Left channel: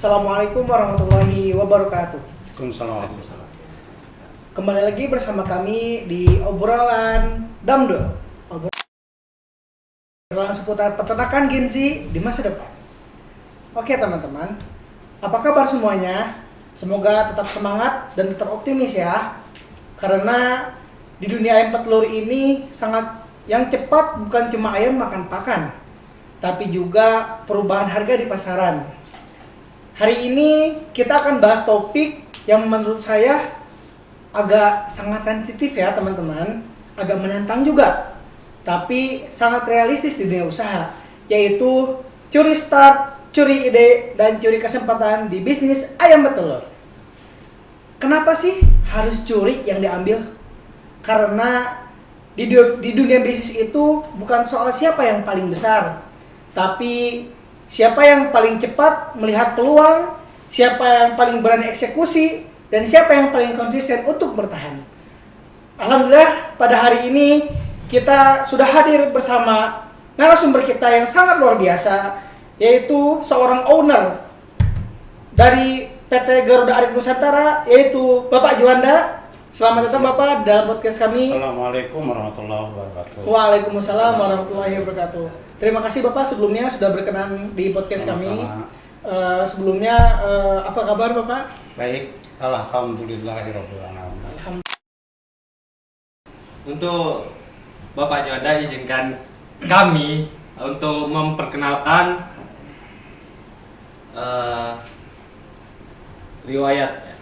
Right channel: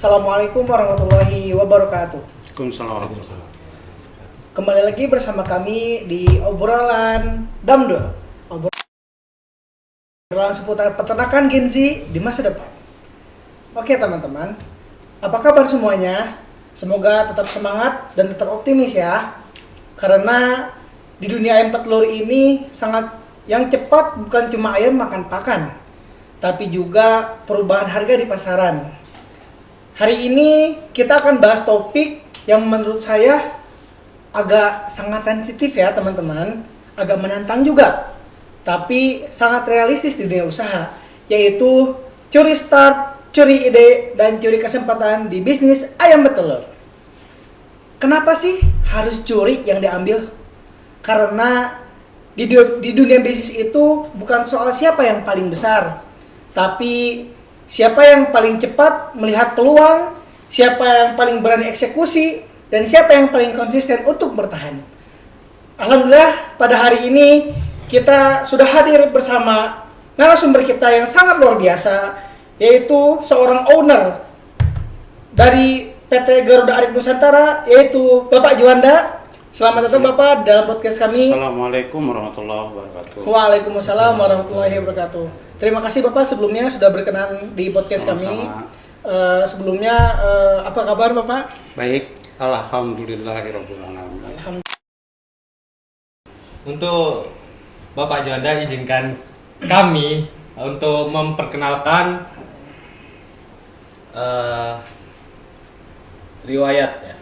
Assalamualaikum warahmatullahi wabarakatuh. Waalaikumsalam. Kembali lagi bersama kami di obrolan Damdo. Obrolan seputar peternakan Gen Z di masa depan. Oke teman-teman, apa kabar semuanya? Semoga tetap semangat dan tetap optimis ya. Karena di dunia ayam petelur ini sangat yang cepat bukan cuma ayam makan pakan, tapi juga perubahan harga di pasaran. Hari ini kita akan bahas topik yang menurut saya agak sangat sensitif ya teman-teman, agak menantang juga, tapi sangat realistis di dunia usaha, yaitu curi start, curi ide, dan curi kesempatan di bisnis ayam petelur. Kenapa sih harus curi yang diambil? Karena di dunia bisnis itu bukan soal siapa yang paling besar, tapi siapa yang paling cepat melihat peluang, siapa yang paling berani eksekusi, dan siapa yang paling konsisten untuk bertahan. Alhamdulillah pada hari ini kita sudah hadir bersama narasumber kita yang sangat luar biasa, yaitu seorang owner dari PT Garuda Arik Nusantara, yaitu Bapak Juanda. Selamat datang Bapak dalam podcast kami. Assalamualaikum warahmatullahi wabarakatuh. Waalaikumsalam warahmatullahi wabarakatuh. Terima kasih Bapak sebelumnya sudah berkenan di podcast kami. Sebelumnya apa kabar Bapak? Baik, alhamdulillahirabbil alamin. Untuk Bapak Juanda izinkan kami untuk memperkenalkan riwayat ya.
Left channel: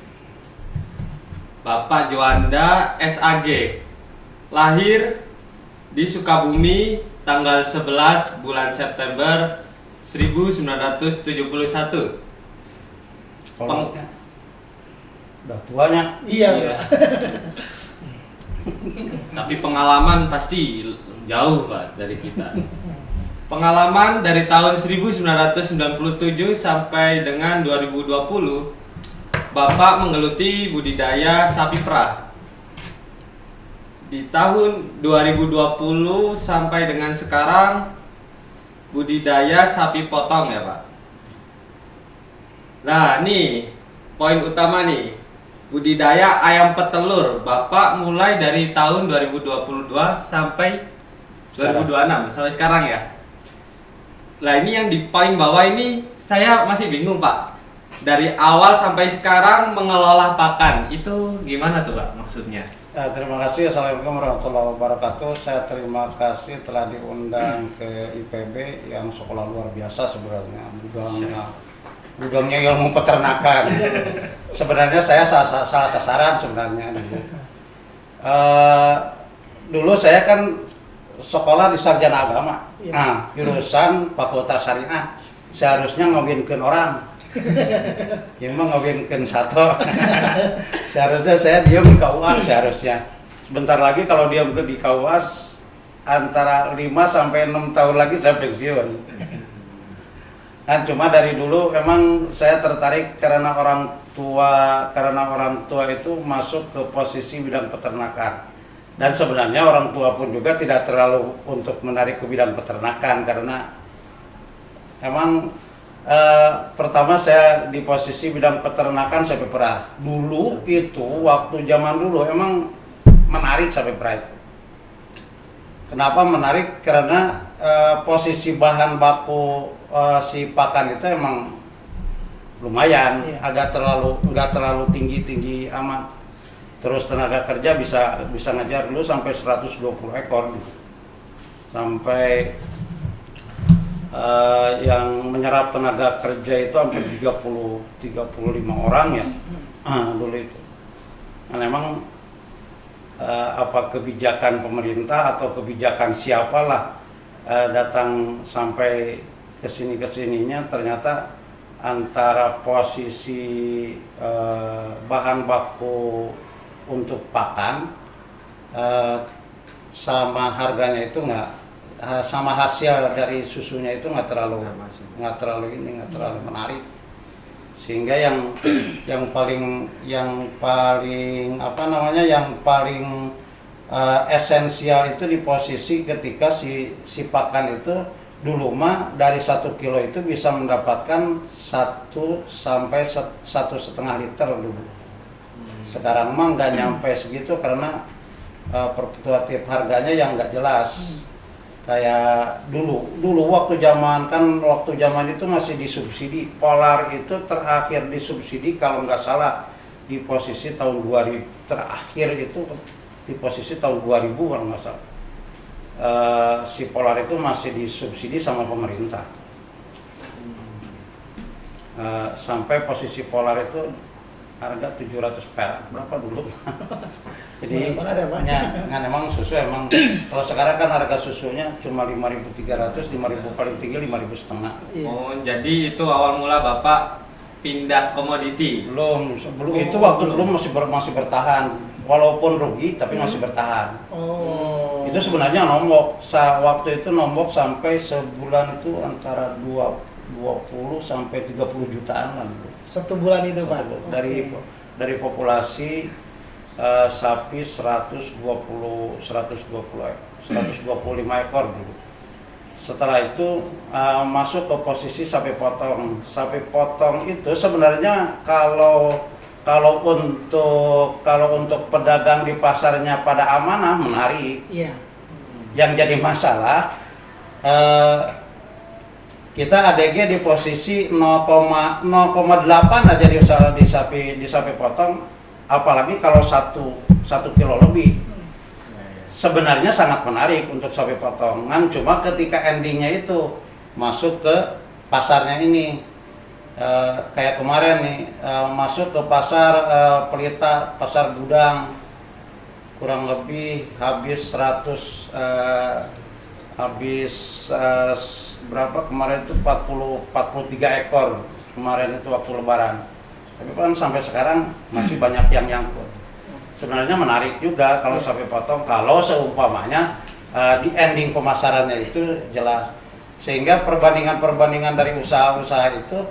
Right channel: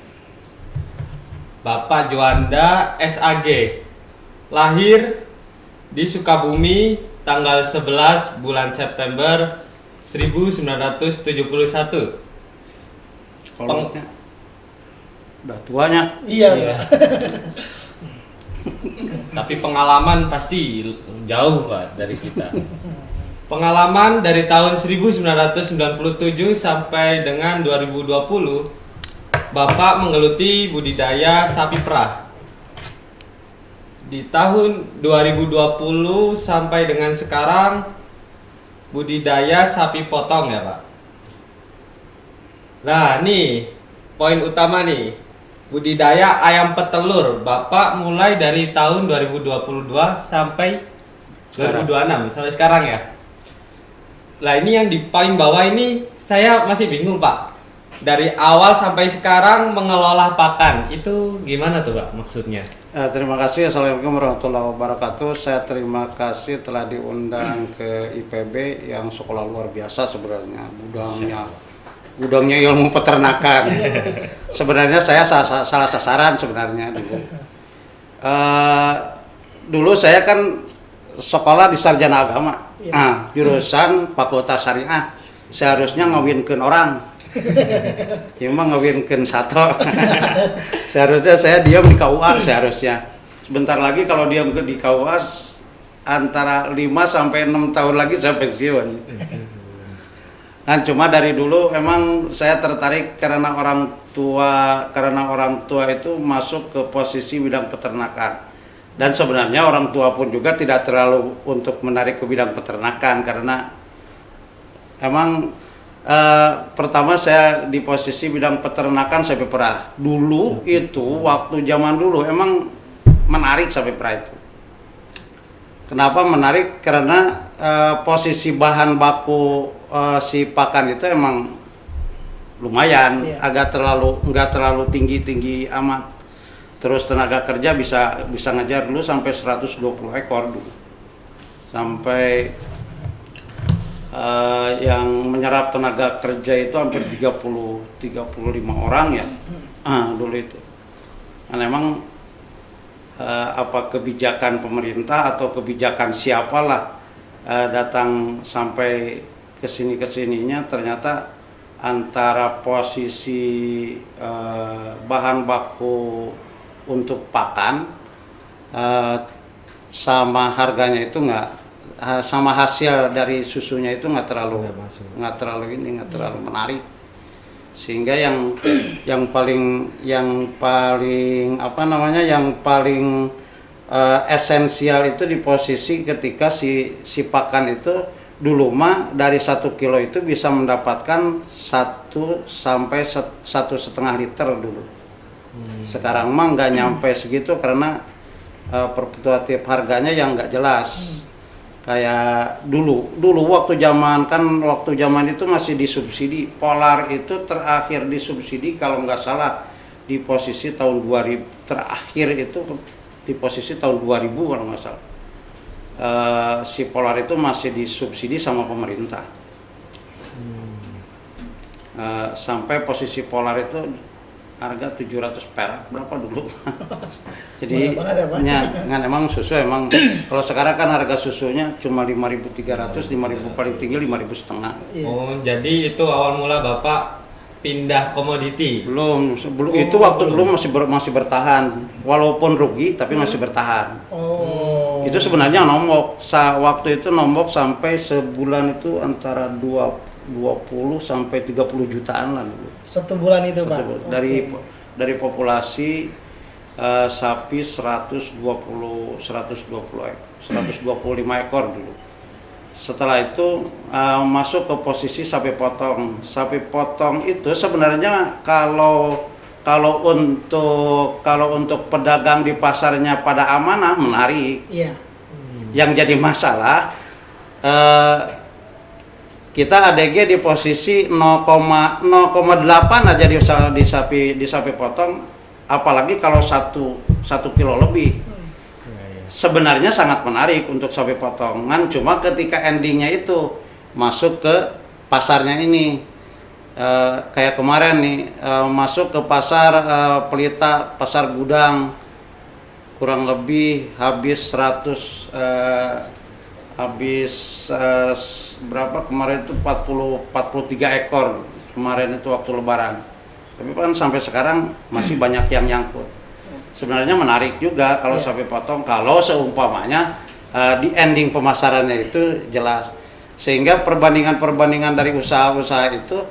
Bapak Juanda SAG lahir di Sukabumi tanggal 11 bulan September 1971. Kalau udah tuanya. Iya. Tapi pengalaman pasti jauh Pak dari kita. Pengalaman dari tahun 1997 sampai dengan 2020, Bapak menggeluti budidaya sapi perah. Di tahun 2020 sampai dengan sekarang budidaya sapi potong ya Pak. Nah nih poin utama nih, budidaya ayam petelur Bapak mulai dari tahun 2022 sampai 2026 sampai sekarang ya. Lah ini yang di paling bawah ini saya masih bingung Pak. Dari awal sampai sekarang mengelola pakan itu gimana tuh Pak maksudnya? Terima kasih. Assalamualaikum warahmatullahi wabarakatuh. Saya terima kasih telah diundang ke IPB yang sekolah luar biasa sebenarnya. Gudangnya ilmu peternakan. Sebenarnya saya salah sasaran sebenarnya. Dulu saya kan sekolah di sarjana agama. Jurusan Fakultas Syariah. Seharusnya ngawinkeun orang. Ya mah ngawinkeun sato. Seharusnya saya diam di KUA seharusnya. Sebentar lagi kalau diam di KUA antara 5 sampai 6 tahun lagi saya pensiun. Nah, cuma dari dulu emang saya tertarik karena orang tua itu masuk ke posisi bidang peternakan. Dan sebenarnya orang tua pun juga tidak terlalu untuk menarik ke bidang peternakan karena emang pertama saya di posisi bidang peternakan sapi perah. Dulu itu waktu zaman dulu emang menarik sapi perah itu. Kenapa menarik? Karena posisi bahan baku si pakan itu emang lumayan, nggak terlalu tinggi amat. Terus tenaga kerja bisa ngajar dulu sampai 120 ekor dulu. Sampai yang menyerap tenaga kerja itu hampir 35 orang ya dulu itu. Nah, memang apa kebijakan pemerintah atau kebijakan siapalah datang sampai kesininya ternyata antara posisi bahan baku untuk pakan sama harganya itu sama hasil dari susunya itu nggak terlalu menarik, sehingga yang paling esensial itu di posisi ketika si pakan itu dulu mah dari 1 kilo itu bisa mendapatkan 1 sampai 1,5 liter dulu. Sekarang mah nggak nyampe segitu karena fluktuatif harganya yang nggak jelas. Kayak dulu waktu zaman itu masih disubsidi. Polar itu terakhir disubsidi kalau nggak salah di posisi tahun 2000, terakhir itu di posisi tahun 2000 kalau nggak salah. Si Polar itu masih disubsidi sama pemerintah. Sampai posisi Polar itu harga 700 perak berapa dulu. Jadi emang susu emang kalau sekarang kan harga susunya cuma 5.300, 5.000 paling tinggi 5.500. Iya. Oh, jadi itu awal mula Bapak pindah komoditi. Belum itu waktu belum masih bertahan. Walaupun rugi tapi masih bertahan. Oh. Itu sebenarnya nombok. Waktu itu nombok sampai sebulan itu antara 20 sampai 30 jutaan lah dulu. 1 bulan itu, Pak. Dari populasi sapi 125 ekor dulu. Setelah itu masuk ke posisi sapi potong. Sapi potong itu sebenarnya kalau untuk pedagang di pasarnya pada amanah menarik. Iya. Yang jadi masalah kita ADG di posisi 0,8 aja di sapi potong, apalagi kalau 1 kilo lebih. Sebenarnya sangat menarik untuk sapi potongan, cuma ketika endingnya itu masuk ke pasarnya ini, kayak kemarin nih masuk ke pasar Pelita, pasar Gudang, kurang lebih habis 100 berapa kemarin itu 43 ekor kemarin itu waktu lebaran. Tapi kan sampai sekarang masih banyak yang nyangkut. Sebenarnya menarik juga kalau sapi potong kalau seumpamanya di ending pemasarannya itu jelas. Sehingga perbandingan dari usaha-usaha itu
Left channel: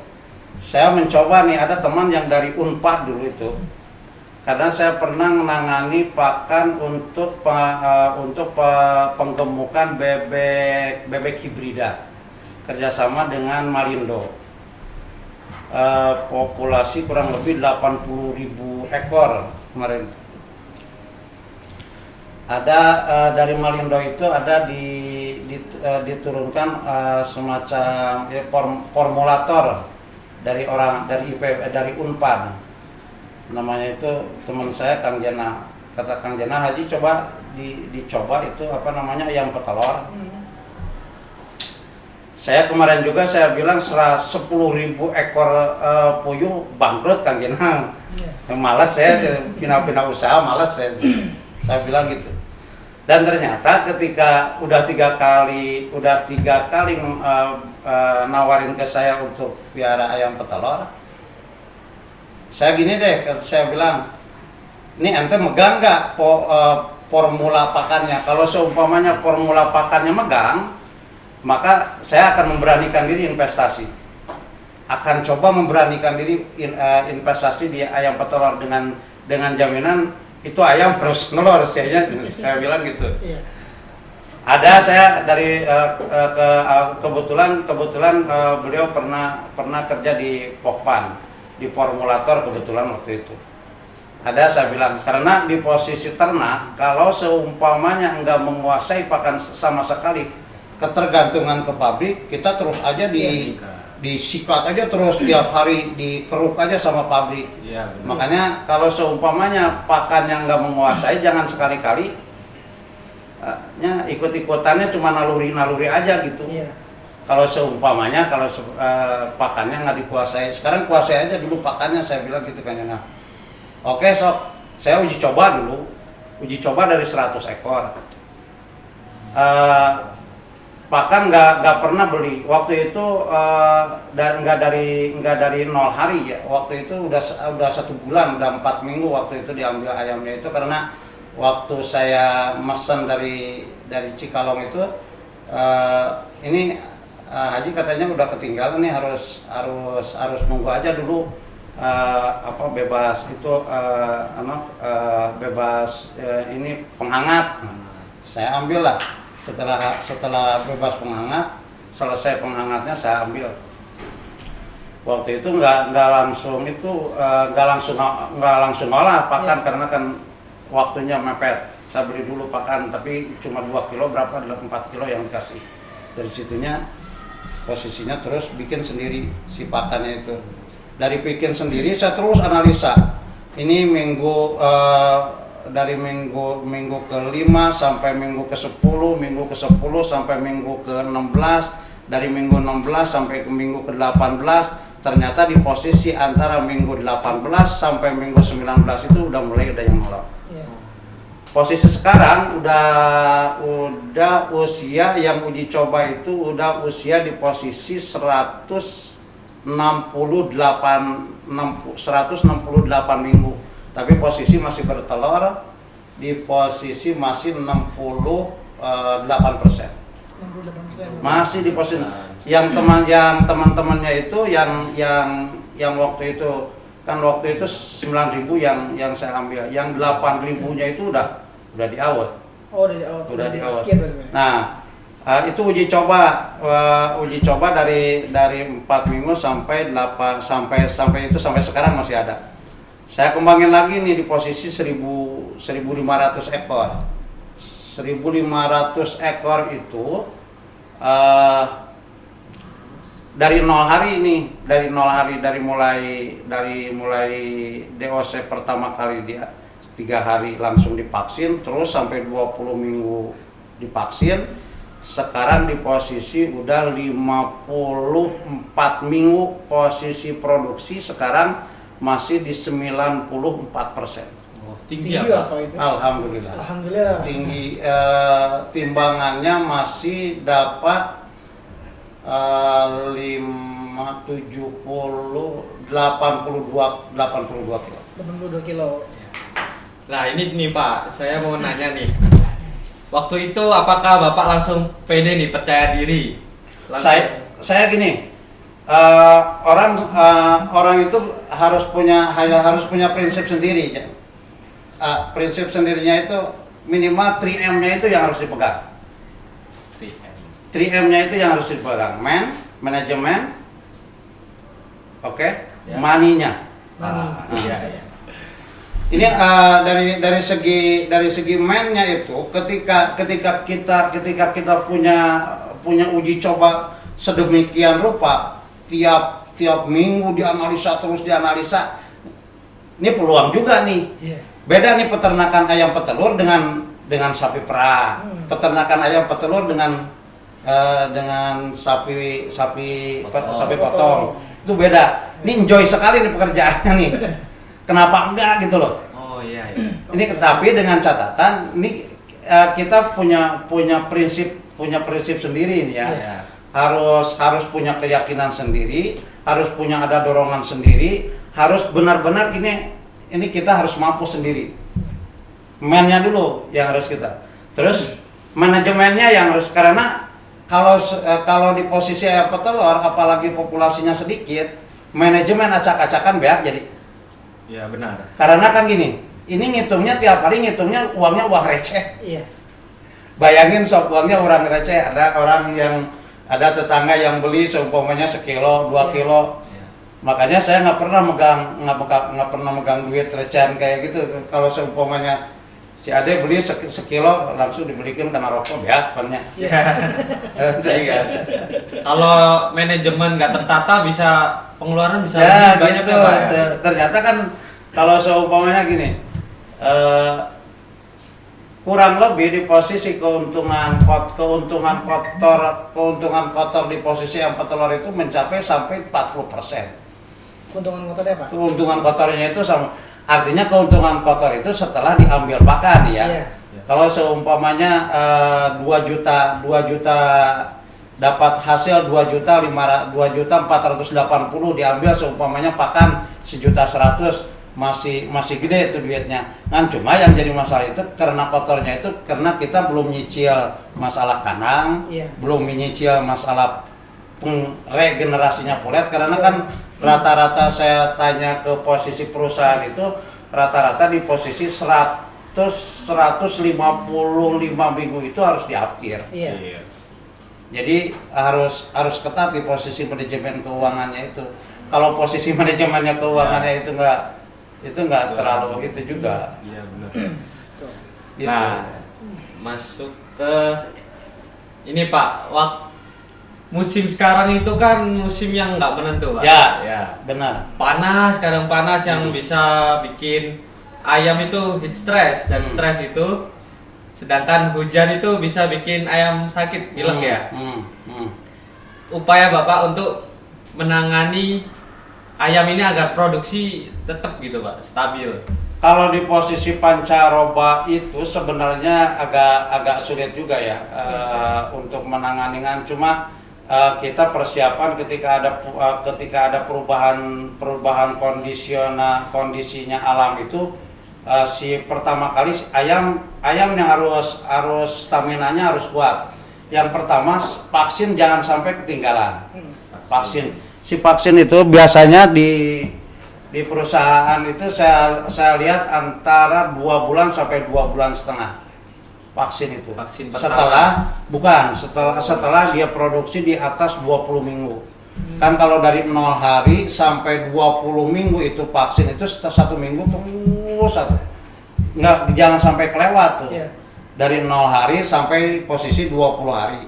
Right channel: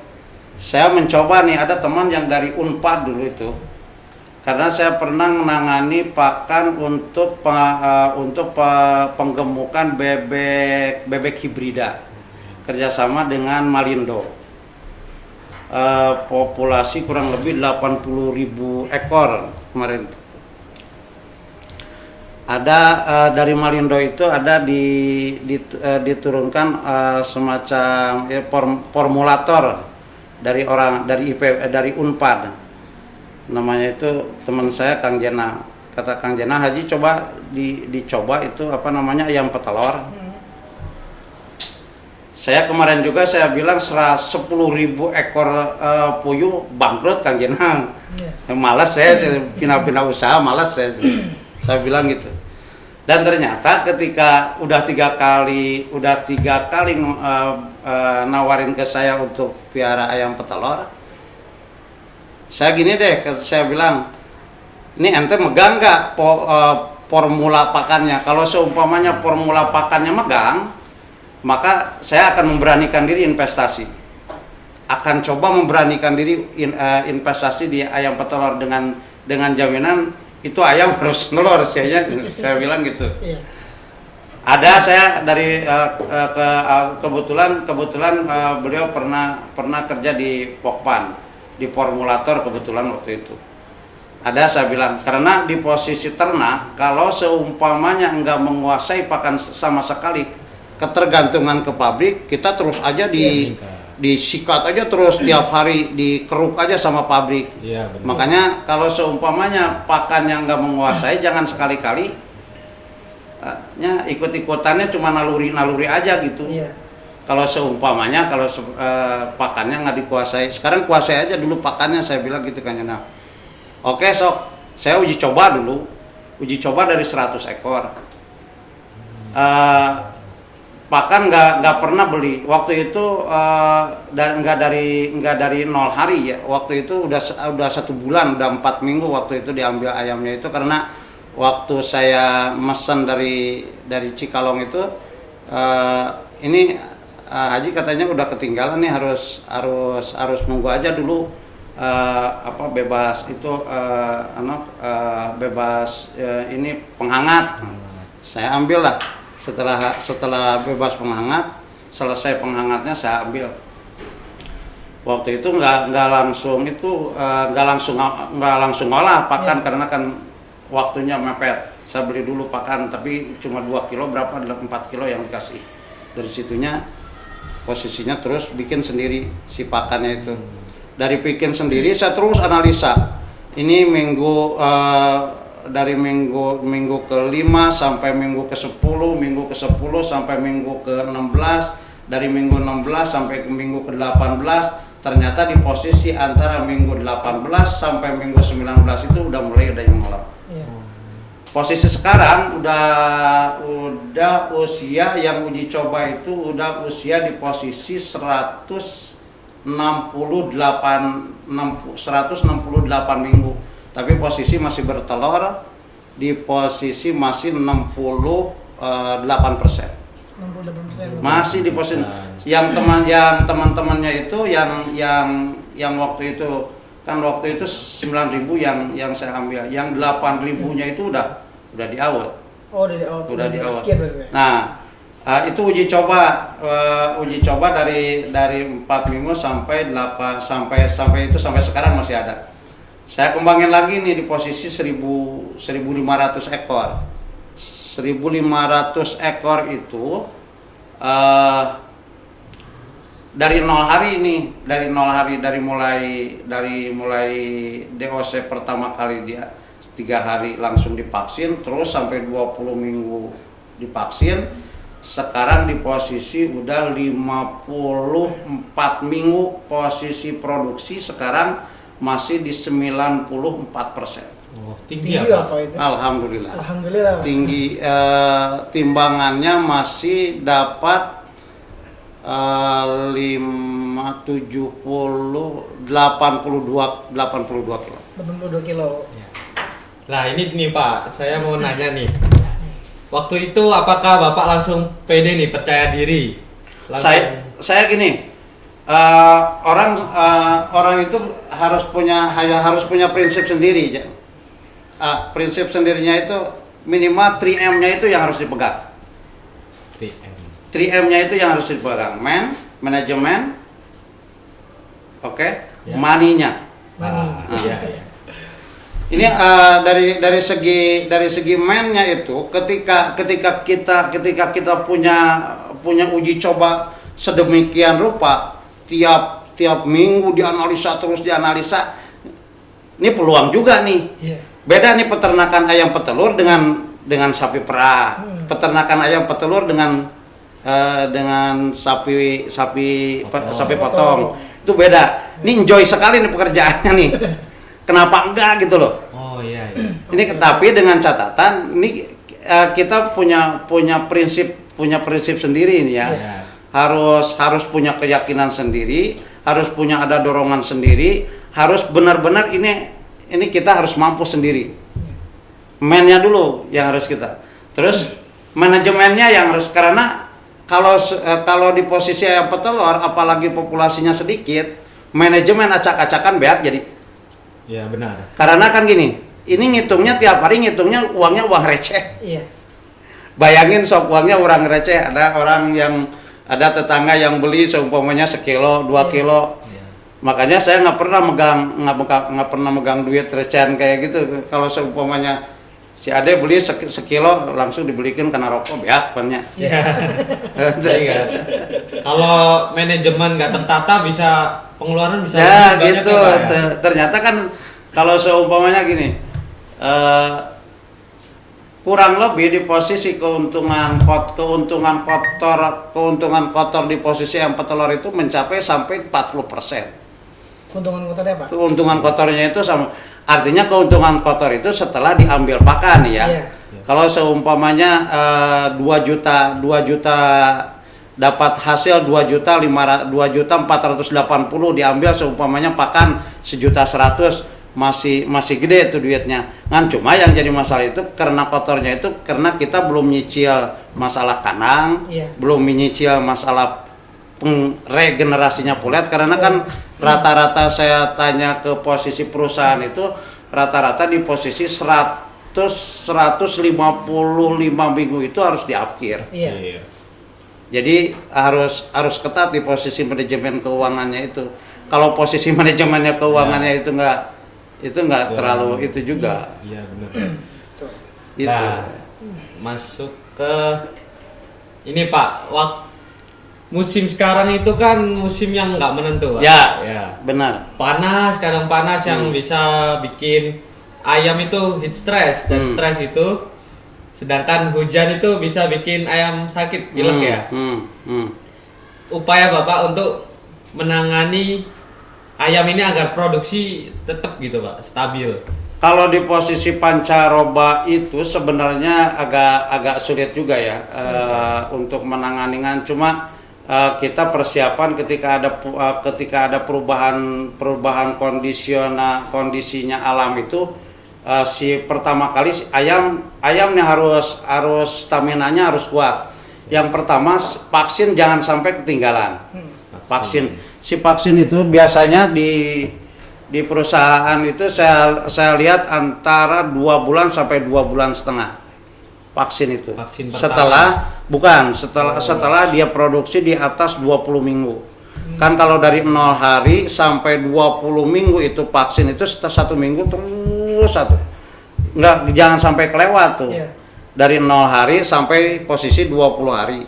saya mencoba nih, ada teman yang dari Unpad dulu itu. Karena saya pernah menangani pakan untuk penggemukan bebek hibrida kerjasama dengan Malindo. Populasi kurang lebih 80.000 ekor kemarin. Ada dari Malindo itu ada diturunkan semacam formulator dari Unpad. Namanya itu teman saya Kang Jena. Kata Kang Jena, Haji coba dicoba itu ayam petelur. Saya kemarin juga saya bilang 10.000 ekor puyuh bangkrut Kang Jena. Malas saya pindah-pindah usaha, malas saya bilang gitu. Dan ternyata ketika udah tiga kali nawarin ke saya untuk piara ayam petelur, saya gini deh, saya bilang, ini ente megang nggak formula pakannya? Kalau seumpamanya formula pakannya megang, maka saya akan memberanikan diri investasi. Akan coba memberanikan diri investasi di ayam petelur dengan jaminan itu ayam harus nelor, saya bilang gitu. Iya. Ada saya dari kebetulan beliau pernah kerja di Pokpan. Di formulator kebetulan waktu itu. Ada saya bilang, karena di posisi ternak, kalau seumpamanya enggak menguasai pakan sama sekali, ketergantungan ke pabrik, kita terus aja disikat aja terus tiap hari, dikeruk aja sama pabrik. Iya, benar. Makanya kalau seumpamanya pakan yang enggak menguasai, jangan sekali-kali ikut-ikutannya cuma naluri aja gitu. Iya. Kalau seumpamanya pakannya nggak dikuasai, sekarang kuasai aja dulu pakannya, saya bilang gitu kan. Nah, oke sok, saya uji coba dari 100 ekor. Pakan nggak pernah beli waktu itu, dan nggak dari 0 hari ya. Waktu itu udah 1 bulan, udah 4 minggu waktu itu diambil ayamnya itu, karena waktu saya mesen dari Cikalong itu ini. Haji katanya udah ketinggalan nih, harus nunggu aja dulu bebas itu ini penghangat. Saya ambil lah setelah bebas penghangat, selesai penghangatnya saya ambil. Waktu itu nggak langsung olah pakan karena kan waktunya mepet. Saya beli dulu pakan tapi cuma 2 kilo berapa 4 kilo yang dikasih. Dari situnya posisinya terus bikin sendiri si pakannya itu. Dari bikin sendiri saya terus analisa. Ini dari minggu ke-5 sampai minggu ke-10, minggu ke-10 sampai minggu ke-16, dari minggu 16 sampai ke minggu ke-18, ternyata di posisi antara minggu 18 sampai minggu 19 itu udah mulai ada yang nolak. Iya. Posisi sekarang udah usia yang uji coba itu udah usia di posisi 168 minggu. Tapi posisi masih bertelur di posisi masih 68%. 68%. Masih di posisi yang teman-temannya itu yang waktu itu kan waktu itu 9.000 yang saya ambil, yang 8.000-nya itu udah diawet. Oh, udah di awet. Nah, itu uji coba dari 4 minggu sampai sekarang masih ada. Saya kembangin lagi nih di posisi 1.500 ekor. 1.500 ekor itu dari 0 hari ini, dari mulai DOC pertama kali dia 3 hari langsung divaksin, terus sampai 20 minggu divaksin. Sekarang di posisi udah 54 minggu posisi produksi, sekarang masih di 94%. Oh, tinggi apa itu? Alhamdulillah. Alhamdulillah. Tinggi, timbangannya masih dapat 82 kilo. 82 kilo. Nah ini nih Pak, saya mau nanya nih. Waktu itu apakah Bapak langsung pede nih, percaya diri? Saya gini, orang itu harus punya prinsip sendiri. Prinsip sendirinya itu minimal 3M-nya itu yang harus dipegang. 3M-nya itu yang harus dipegang. Manajemen, oke, Ya. money-nya. Iya. Ini dari segi man-nya itu ketika kita punya uji coba sedemikian rupa, tiap minggu dianalisa. Ini peluang juga nih. Iya. Beda nih peternakan ayam petelur dengan sapi perah. Peternakan ayam petelur dengan sapi potong. Itu beda. Ini enjoy sekali nih pekerjaannya nih. Kenapa enggak gitu loh? Oh iya. Ini tapi dengan catatan ini kita punya prinsip sendiri ini ya. Iya. Harus punya keyakinan sendiri, harus punya ada dorongan sendiri, harus benar-benar ini kita harus mampu sendiri. Man-nya dulu yang harus kita. Terus manajemennya yang harus, karena kalau di posisi ayam petelur apalagi populasinya sedikit, manajemen acak-acakan beat jadi. Iya benar. Karena kan gini, ini ngitungnya tiap hari ngitungnya uangnya uang receh. Iya. Bayangin sok uangnya orang receh, ada tetangga yang beli seumpamanya sekilo, 2 kilo. Iya. Makanya saya nggak pernah megang duit recehan kayak gitu. Kalau seumpamanya si Ade beli sekilo langsung dibelikan karena rokok ya, banyak. Iya. Iya. Kalau manajemen nggak tertata pengeluaran bisa Ya lebih banyak gitu. ya, Pak, ya? Ternyata kan kalau seumpamanya gini, kurang lebih di posisi keuntungan kotor di posisi yang petelur itu mencapai sampai 40%. Keuntungan kotornya Pak? Keuntungan kotornya itu artinya keuntungan kotor itu setelah diambil pakan ya. Iya. Kalau seumpamanya 2 juta dapat hasil 2.480.000 diambil seumpamanya pakan 1.100.000 masih gede itu duitnya kan. Cuma yang jadi masalah itu karena kotornya itu karena kita belum nyicil masalah kandang, Iya. belum menyicil masalah regenerasinya pulet, karena kan rata-rata saya tanya ke posisi perusahaan itu rata-rata di posisi 155 minggu itu harus diakhir. Iya. Jadi harus ketat di posisi manajemen keuangannya itu. Kalau posisi manajemennya keuangannya itu nggak terlalu itu juga. Iya benar. Gitu. Nah, masuk ke ini Pak, musim sekarang itu kan musim yang nggak menentu Pak. Ya, benar. Panas, kadang panas yang bisa bikin ayam itu heat stress dan stres itu. Sedangkan hujan itu bisa bikin ayam sakit, pilek ya. Upaya Bapak untuk menangani ayam ini agar produksi tetap gitu Pak, stabil. Kalau di posisi pancaroba itu sebenarnya agak sulit juga ya untuk menanganinya. Cuma kita persiapan ketika ada perubahan kondisinya alam itu si pertama kali ayamnya harus stamina-nya harus kuat. Yang pertama vaksin jangan sampai ketinggalan. Vaksin itu biasanya di perusahaan itu saya lihat antara 2 bulan sampai 2 bulan setengah vaksin itu. Vaksin Setelah dia produksi di atas 20 minggu. Kan kalau dari 0 hari sampai 20 minggu itu vaksin itu 1 minggu terus satu. Jangan sampai kelewat tuh. Iya. Dari 0 hari sampai posisi 20 hari.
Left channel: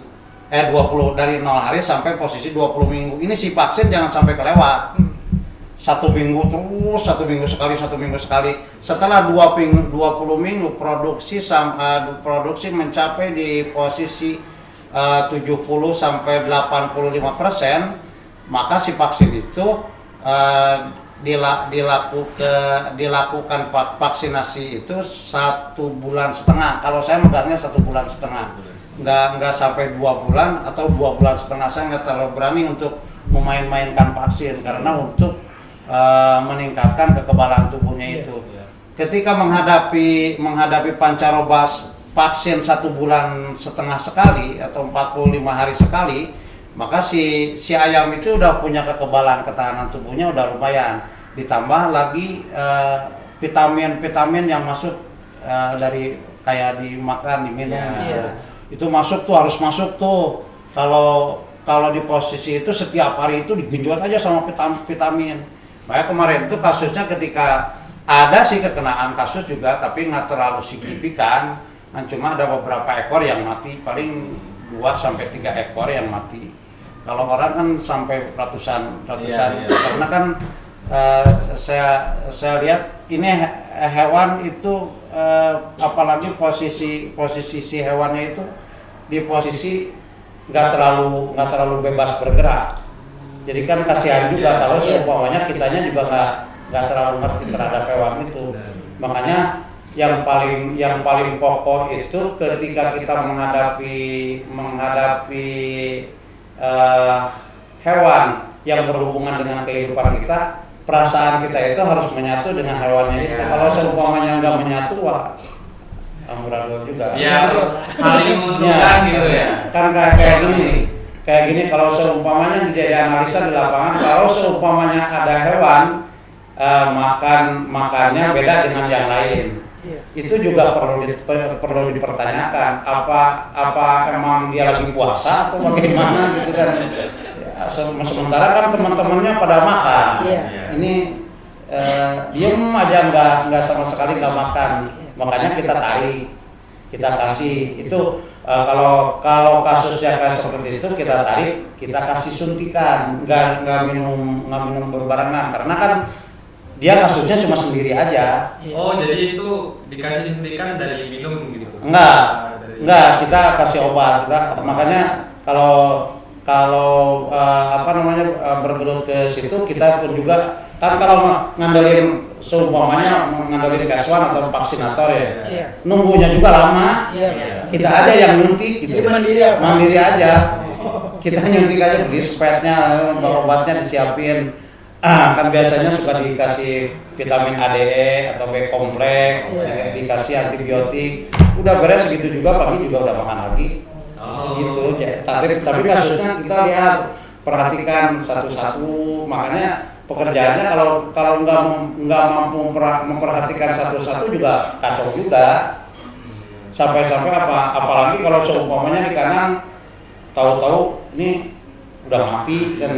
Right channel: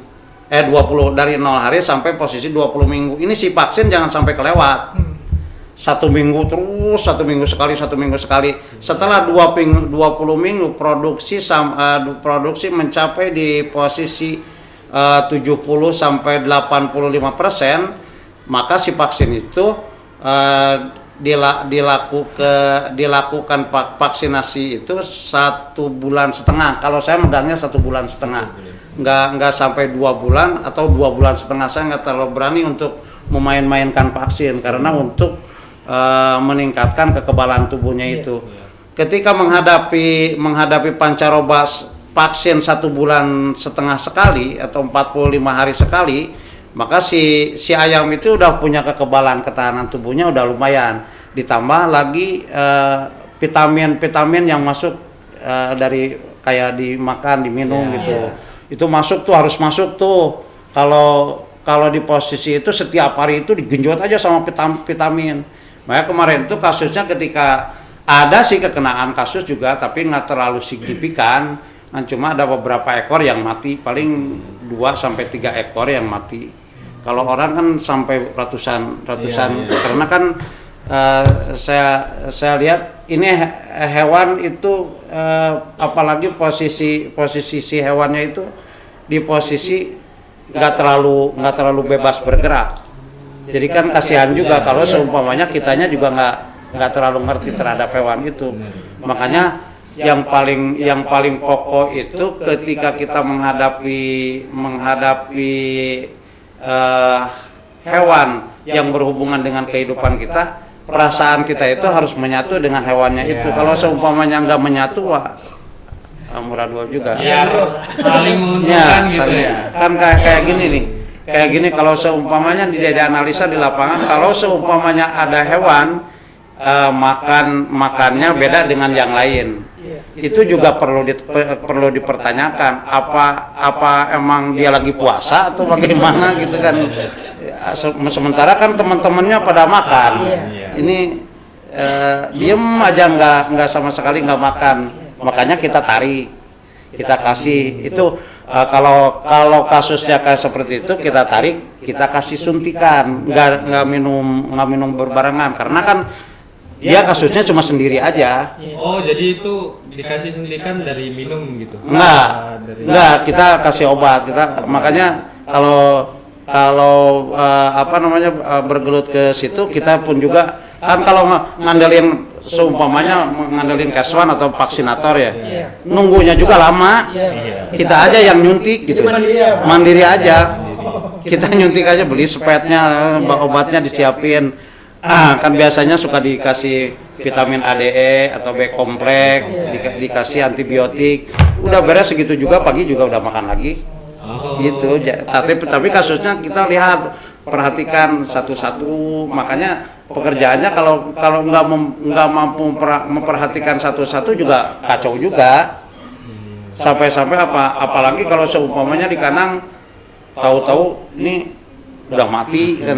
20 dari 0 hari sampai posisi 20 minggu. Ini si vaksin jangan sampai kelewat. 1 minggu terus, 1 minggu sekali. Setelah 20 minggu produksi mencapai di posisi 70 sampai 85%, maka si vaksin itu dilakukan vaksinasi itu 1,5 bulan. Kalau saya megangnya 1,5 bulan, nggak sampai 2 bulan atau 2,5 bulan. Saya nggak terlalu berani untuk memain-mainkan vaksin karena untuk meningkatkan kekebalan tubuhnya itu. Ketika menghadapi pancaroba vaksin 1,5 bulan sekali atau 45 hari sekali, maka si ayam itu udah punya kekebalan ketahanan tubuhnya udah lumayan. Ditambah lagi vitamin yang masuk dari kayak dimakan, diminum gitu. Itu harus masuk tuh. Kalau di posisi itu setiap hari itu digenjot aja sama vitamin. Makanya kemarin itu kasusnya ketika ada sih kekenaan kasus juga, tapi nggak terlalu signifikan. Cuma ada beberapa ekor yang mati, paling 2 sampai 3 ekor yang mati. Kalau orang kan sampai ratusan. Karena kan saya lihat ini hewan itu apalagi posisi si hewannya itu di posisi nggak terlalu bebas bergerak. Jadi kan kasihan juga kalau seumpamanya kitanya juga nggak terlalu ngerti terhadap hewan itu. Makanya yang paling pokok itu ketika kita menghadapi hewan yang berhubungan dengan kehidupan kita, perasaan kita itu harus menyatu dengan hewannya itu. Kalau seumpamanya nggak menyatu, amburadul juga. Ya, saling menguntungkan gitu ya. Kan kayak gini nih. Kayak gini kalau seumpamanya dianalisa di lapangan, kalau seumpamanya ada hewan makannya beda dengan yang lain, itu juga perlu dipertanyakan apa emang dia lagi puasa atau bagaimana gitu kan. Sementara kan teman-temannya pada makan, ini diem aja nggak sama sekali nggak makan, makanya kita tarik, kita kasih itu. Kalau kasusnya kayak seperti itu kita tarik, kita kasih suntikan, nggak minum berbarengan karena kan dia kasusnya cuma sendiri aja. Oh, jadi itu dikasih suntikan dari minum gitu? Enggak, kita kasih obat. Makanya kalau bergelut ke situ kita pun juga kan kalau ngandelin seumpamanya ngandelin keswan atau vaksinator ya, nunggunya juga lama. Kita aja yang nyuntik gitu. Mandiri aja. Kita nyuntik aja, beli spetnya, obatnya disiapin. Kan biasanya suka dikasih vitamin ADE atau B kompleks, dikasih antibiotik. Udah beres segitu juga, pagi juga udah makan lagi. Gitu. Tapi kasusnya kita lihat, perhatikan satu-satu. Makanya pekerjaannya kalau nggak mampu memperhatikan satu-satu juga kacau juga. Sampai apalagi kalau seumpamanya di kandang, tahu-tahu ini udah mati kan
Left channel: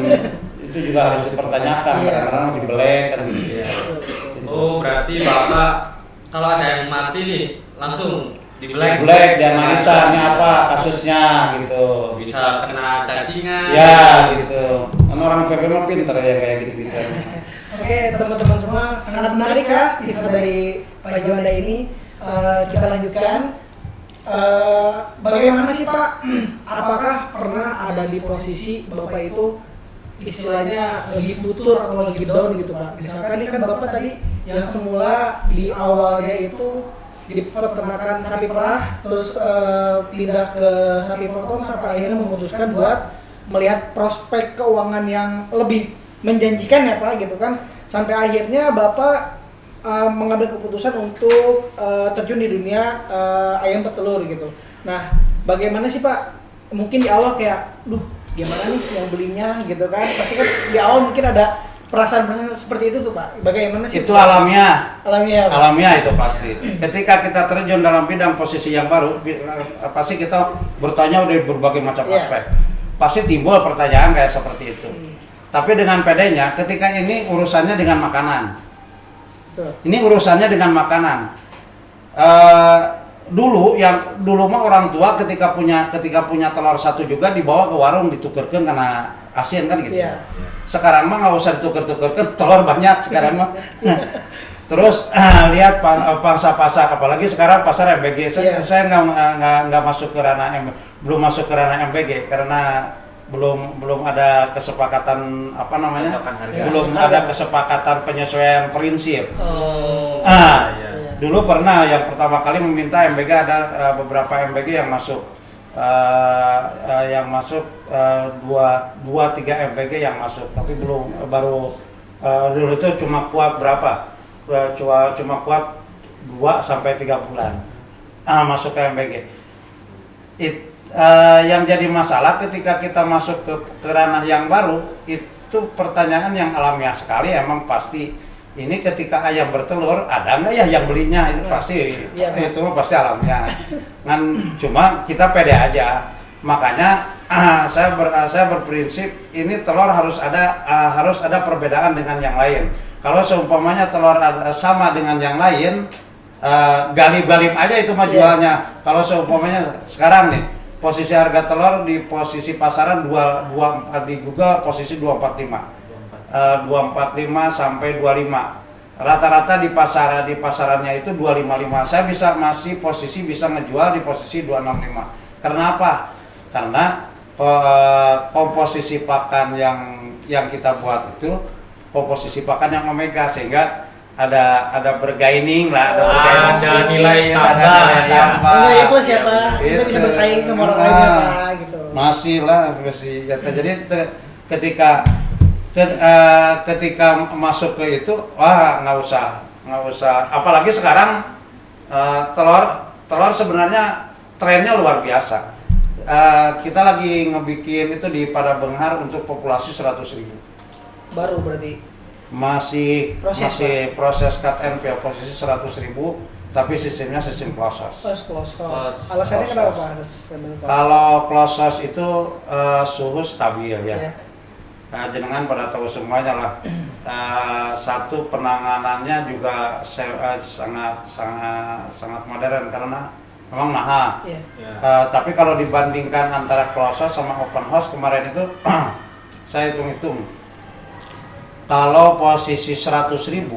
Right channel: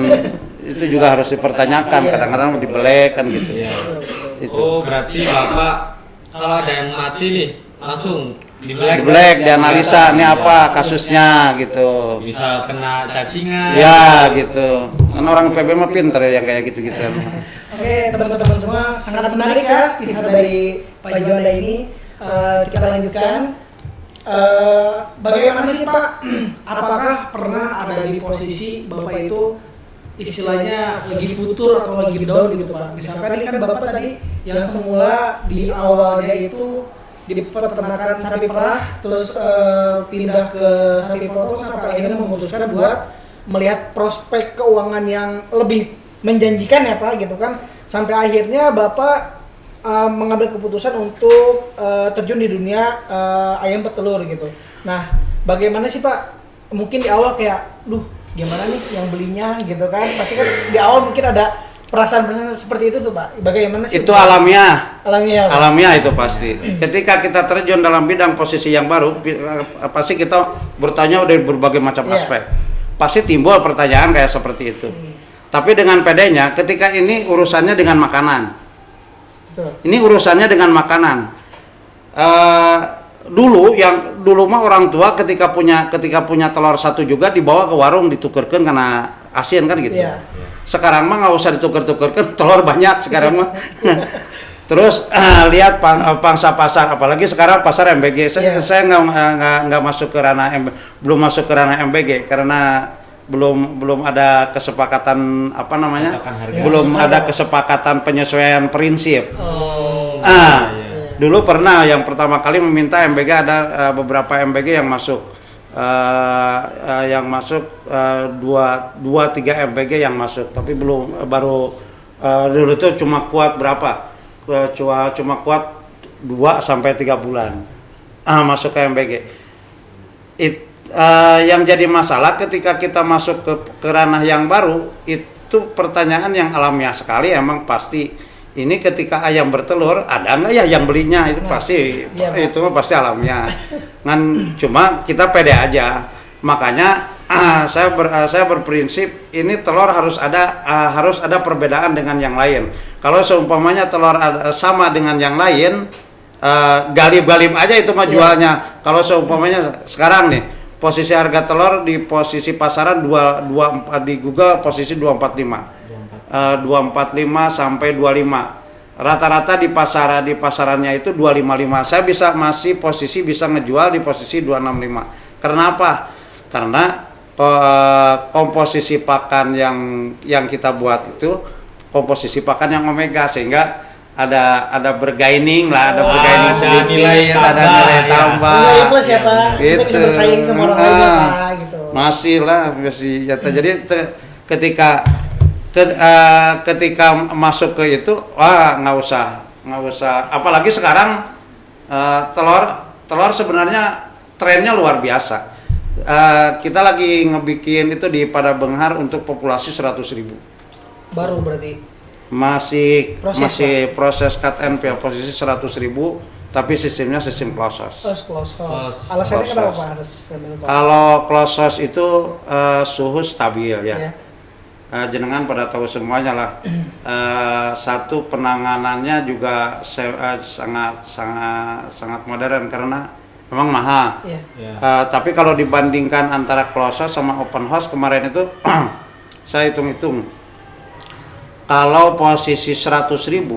itu juga harus dipertanyakan. Kadang-kadang dibelek kan gitu. Iya. Oh, berarti Bapak kalau ada yang mati nih langsung di black dianalisa ini apa kasusnya gitu. Bisa kena cacingan. Ya gitu. Kan orang PB mah pinter ya kayak gitu-gitu. Oke, teman-teman semua, sangat menarik ya kisah dari Pak Juanda ini. Kita lanjutkan. Bagaimana sih Pak? Apakah pernah ada di posisi Bapak itu istilahnya lagi futur atau lagi down gitu Pak? Misalkan ini kan Bapak tadi yang semula di awalnya itu di peternakan sapi perah, terus pindah ke sapi potong sampai akhirnya memutuskan buat melihat prospek keuangan yang lebih menjanjikan ya Pak gitu kan, sampai akhirnya Bapak mengambil keputusan untuk terjun di dunia ayam petelur gitu. Nah, bagaimana sih Pak? Mungkin di awal kayak, gimana nih yang belinya gitu kan? Pasti kan di awal mungkin ada perasaan seperti itu tuh Pak. Bagaimana sih? Itu alamiah. Alamiah. Pak. Alamiah itu pasti. Ketika kita terjun dalam bidang posisi yang baru, pasti kita bertanya dari berbagai macam aspek. Pasti timbul pertanyaan kayak seperti itu. Tapi dengan pedenya, ketika ini urusannya dengan makanan. Betul. Ini urusannya dengan makanan. Dulu mah orang tua ketika punya telur satu juga dibawa ke warung ditukerkan karena asin kan gitu. Iya. Sekarang mah nggak usah dituker-tukerkan, telur banyak sekarang mah. Terus lihat pangsa pasar, apalagi sekarang pasar MBG. Saya nggak masuk ke ranah belum masuk ke ranah MBG karena belum ada kesepakatan belum ada kesepakatan penyesuaian prinsip. Dulu pernah yang pertama kali meminta MBG ada beberapa MBG yang masuk. Dua tiga MBG yang masuk, tapi baru dulu itu cuma kuat berapa? Cuma kuat 2 sampai 3 bulan masuk ke MBG. Yang jadi masalah ketika kita masuk ke ranah yang baru itu pertanyaan yang alamiah sekali. Emang pasti ini ketika ayam bertelur ada nggak ya yang belinya, itu pasti itu pasti alamiah kan. Cuma kita pede aja, makanya saya berprinsip ini telur harus ada perbedaan dengan yang lain. Kalau seumpamanya telur sama dengan yang lain, galib-galib aja itu mah jualnya. Kalau seumpamanya sekarang nih posisi harga telur di posisi pasaran 24 di Google posisi 245. 245 sampai 25. Rata-rata di pasarannya itu 255. Saya masih bisa ngejual di posisi 265. Karena apa? Karena komposisi pakan yang kita buat itu komposisi pakan yang omega, sehingga ada bergaining lah, ada bergaining sedikit, nilai tambah. Nilai plus ya Pak. Kita bisa bersaing sama orang lain ya Pak gitu. Masih. Jadi ketika masuk ke itu, nggak usah. Apalagi sekarang telur sebenarnya trennya luar biasa. Kita lagi ngebikin itu di Padabenghar untuk populasi 100.000. Baru berarti. Masih proses cut and fill posisi 100.000, tapi sistemnya sistem close house. Close house. Alasannya kenapa Pak harus ambil close house? Kalau close house itu suhu stabil ya. Jenengan pada tahu semuanya lah. Satu, penanganannya juga sangat modern karena memang mahal. Tapi kalau dibandingkan antara close house sama open house kemarin itu saya hitung-hitung, kalau posisi 100.000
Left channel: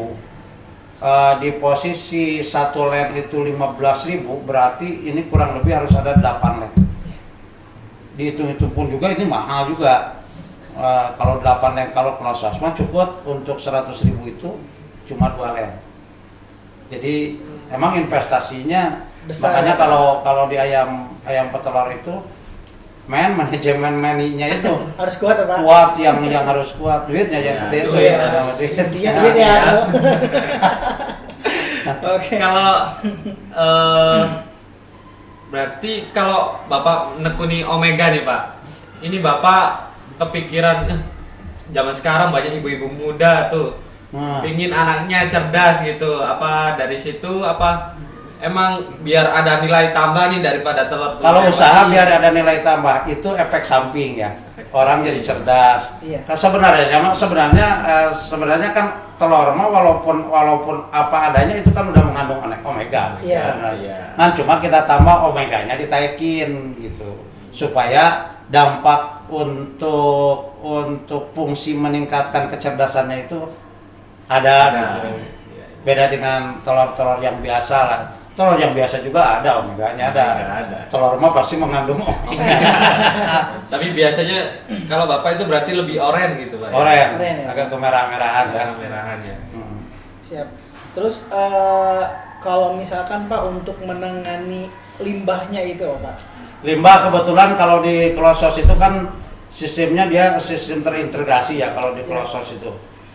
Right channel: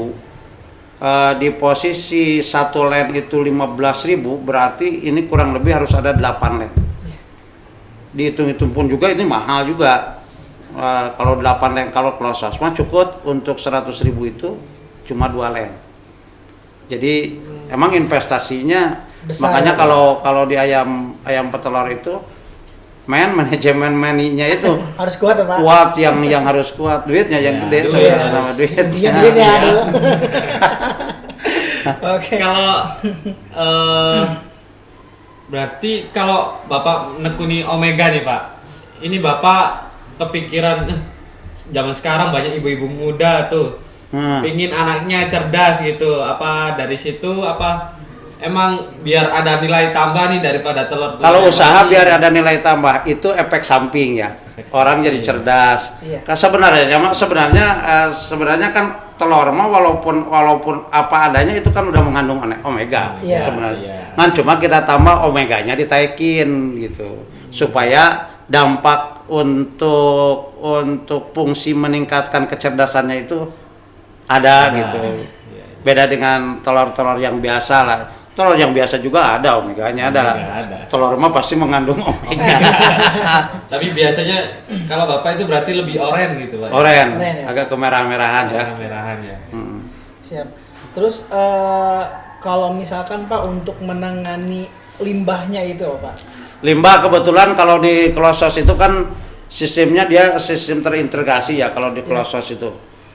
di posisi satu land itu 15.000, berarti ini kurang lebih harus ada 8 land. Dihitung-hitung pun juga ini mahal juga. Kalau 8 land, kalau close house mah cukup untuk 100.000 itu cuma 2 land. Jadi emang investasinya besar. Makanya kalau di ayam petelur itu manajemen money-nya itu harus kuat ya Pak. Kuat yang harus kuat, duitnya yang gede sama duitnya. Oke. Kalau berarti kalau Bapak nekuni Omega nih Pak, ini Bapak kepikiran zaman sekarang banyak ibu-ibu muda tuh pingin anaknya cerdas gitu, apa dari situ apa emang biar ada nilai tambah nih daripada telur. Kalau usaha biar ada nilai tambah itu efek samping ya. Orang jadi cerdas. Iya. Sebenarnya kan telur mah walaupun apa adanya itu kan udah mengandung omega Iya. sebenarnya. Kan cuma kita tambah omeganya ditaikin gitu supaya dampak untuk fungsi meningkatkan kecerdasannya itu ada gitu. Iya. Beda dengan telur-telur yang biasa lah. Telur yang biasa juga ada omeganya ada. Telur mah pasti mengandung omega. Tapi biasanya kalau Bapak itu berarti lebih oren gitu, Pak. Oren, Oren, ya. agak kemerah-merahan ya. Merah-merahan ya. Siap. Terus kalau misalkan Pak untuk menangani limbahnya itu Pak. Limbah kebetulan kalau di Klosos itu kan sistemnya dia sistem terintegrasi ya kalau di Klosos itu.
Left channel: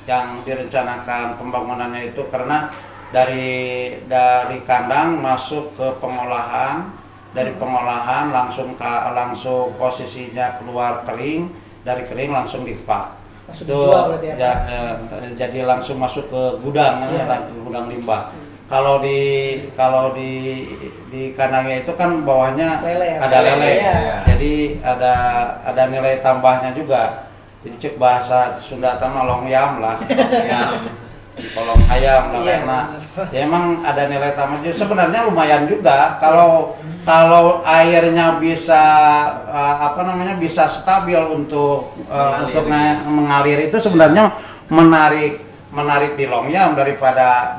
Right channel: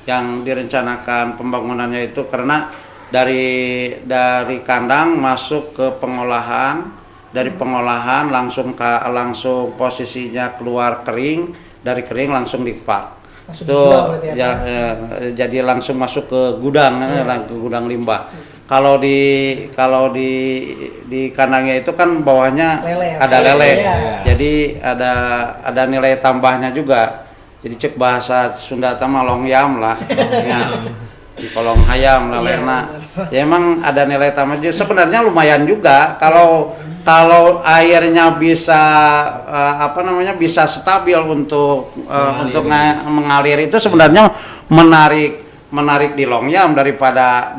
Yang direncanakan pembangunannya itu karena dari kandang masuk ke pengolahan, dari pengolahan langsung posisinya keluar kering, dari kering langsung dipak. Langsung Itu dijual berarti ya, Pak? jadi langsung masuk ke gudang, ke gudang limbah. Kalau di kandangnya itu kan bawahnya Lele, ya? ada lele, Iya. jadi ada nilai tambahnya juga. Jadi cek bahasa Sunda mah longyam lah, longyam. Di kolong ayam Iya, lelena. benar. Ya emang ada nilai tambah. Jadi sebenarnya lumayan juga kalau airnya bisa bisa stabil untuk mengalir itu sebenarnya menarik di longyam daripada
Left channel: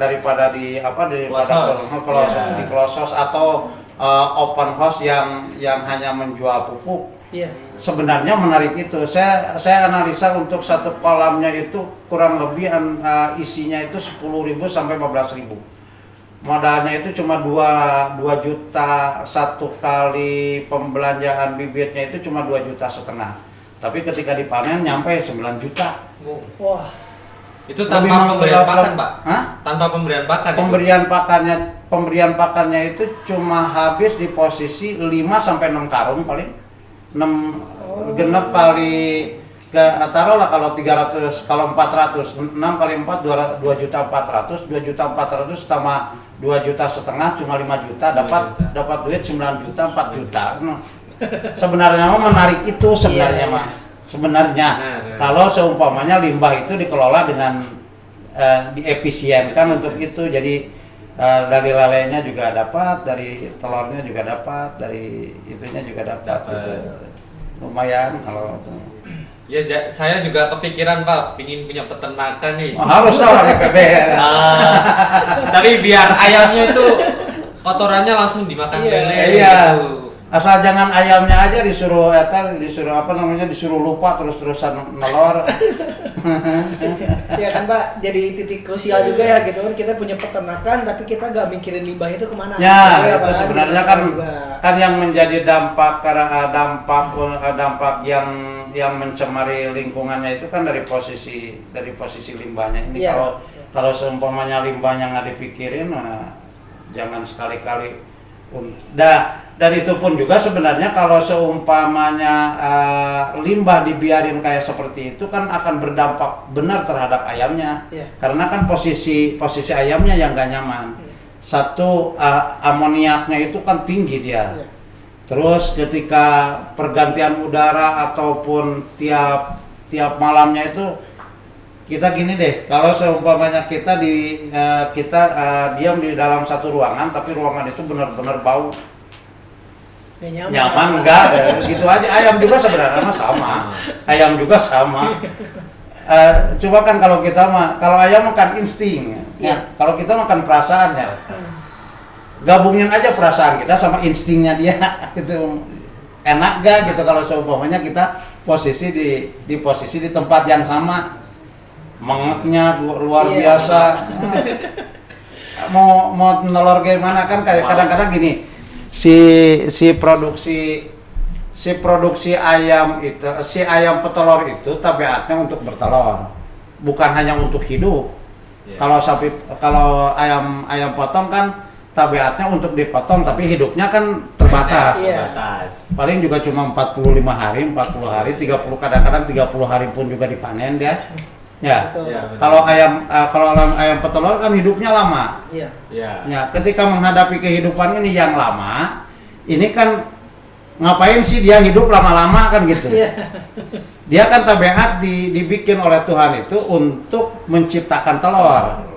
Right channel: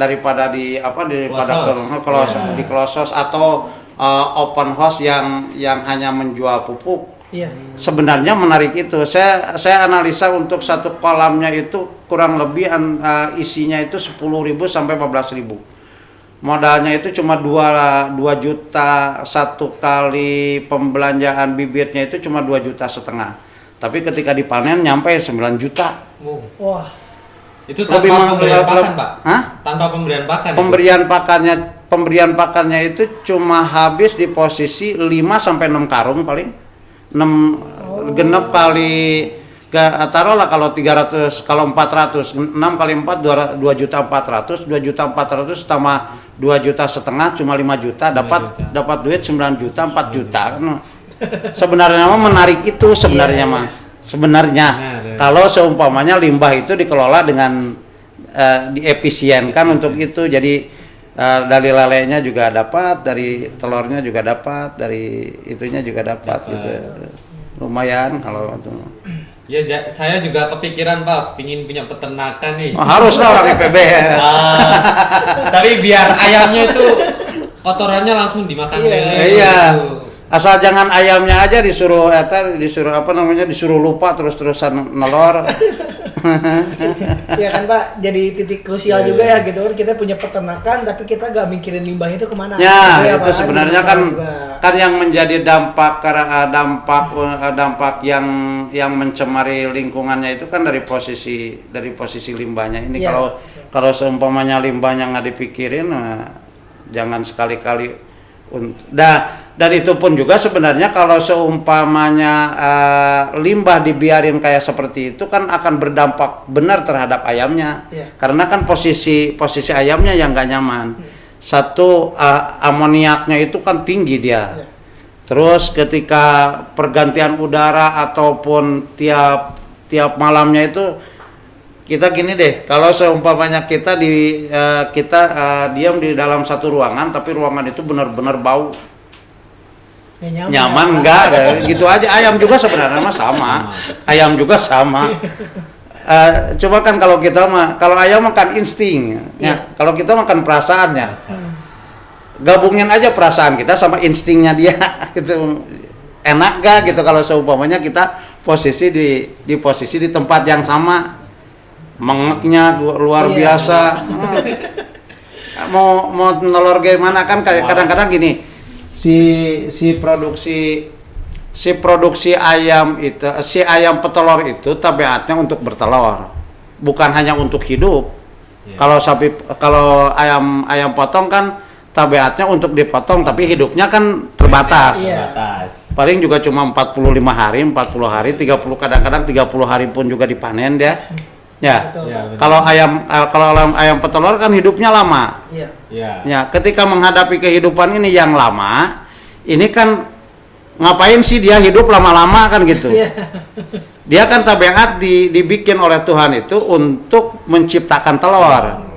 di Klosos. di Klosos atau open house yang hanya menjual pupuk. Iya. Sebenarnya menarik itu. Saya analisa untuk satu kolamnya itu kurang lebih isinya itu 10.000 sampai 14.000. Modalnya itu cuma 2 juta, satu kali pembelanjaan bibitnya itu cuma 2,5 juta. Tapi ketika dipanen nyampe 9 juta. Wah. Itu tanpa Lebih pemberian pakan, Pak? Hah? Tanpa pemberian pakan. Pemberian pakannya itu cuma habis di posisi 5 sampai 6 karung paling. 6 kali taruhlah kalau 300 kalau 400 6 kali 4 2.400.000 tambah 2,5 juta cuma 5 juta dapat duit 9 juta 4 juta. Sebenarnya mah menarik itu sebenarnya mah. Sebenarnya kalau seumpamanya limbah itu dikelola dengan diefisienkan untuk itu jadi dari lelenya juga dapat, dari telurnya juga dapat, dari itunya juga dapat gitu. Lumayan kalau itu. Ya, saya juga kepikiran Pak, pingin punya peternakan nih. Harus lah orang IPB. Tapi biar ayamnya itu kotorannya langsung dimakan lele. Iya. Gitu. Asal jangan ayamnya aja disuruh lupa terus-terusan nelor. Ya kan Pak, jadi titik krusial juga ya gitu kan, kita punya peternakan tapi kita gak mikirin limbah itu kemana. Ya, Gitu itu Pak, sebenarnya jadi kan masalah juga. yang menjadi dampak yang mencemari lingkungannya itu kan dari posisi limbahnya ini. Iya. Kalau seumpamanya limbahnya nggak dipikirin, jangan sekali-kali. Dan itu pun juga sebenarnya kalau seumpamanya limbah dibiarin kayak seperti itu kan akan berdampak benar terhadap ayamnya. Iya. Karena kan posisi ayamnya yang nggak nyaman. Satu, amoniaknya itu kan tinggi dia. Iya. Terus ketika pergantian udara ataupun tiap malamnya itu kita gini deh, kalau seumpamanya kita diam di dalam satu ruangan tapi ruangan itu benar-benar bau. Ya, Nyaman enggak? Gitu aja. Ayam juga sebenarnya mah sama. Ayam juga sama. Coba kan kalau ayam makan insting, ya. Kalau kita makan perasaannya. Gabungin aja perasaan kita sama instingnya dia. Itu enak gak gitu kalau seumpamanya kita posisi di tempat yang sama. Mengeknya luar biasa. Mau nelor gimana kan kadang-kadang gini. Si produksi ayam itu, si ayam petelur itu tabiatnya untuk bertelur, bukan hanya untuk hidup. Kalau ayam potong kan tabiatnya untuk dipotong, tapi hidupnya kan terbatas. Paling juga cuma 45 hari, 40 hari, 30 kadang-kadang 30 hari pun juga dipanen dia. Ya. Betul, Ya, Pak. benar. Kalau ayam petelur kan hidupnya lama. Iya. Ya. Ya, ketika menghadapi kehidupan ini yang lama, ini kan ngapain sih dia hidup lama-lama kan gitu. Iya. Dia kan tabiat dibikin oleh Tuhan itu untuk menciptakan telur.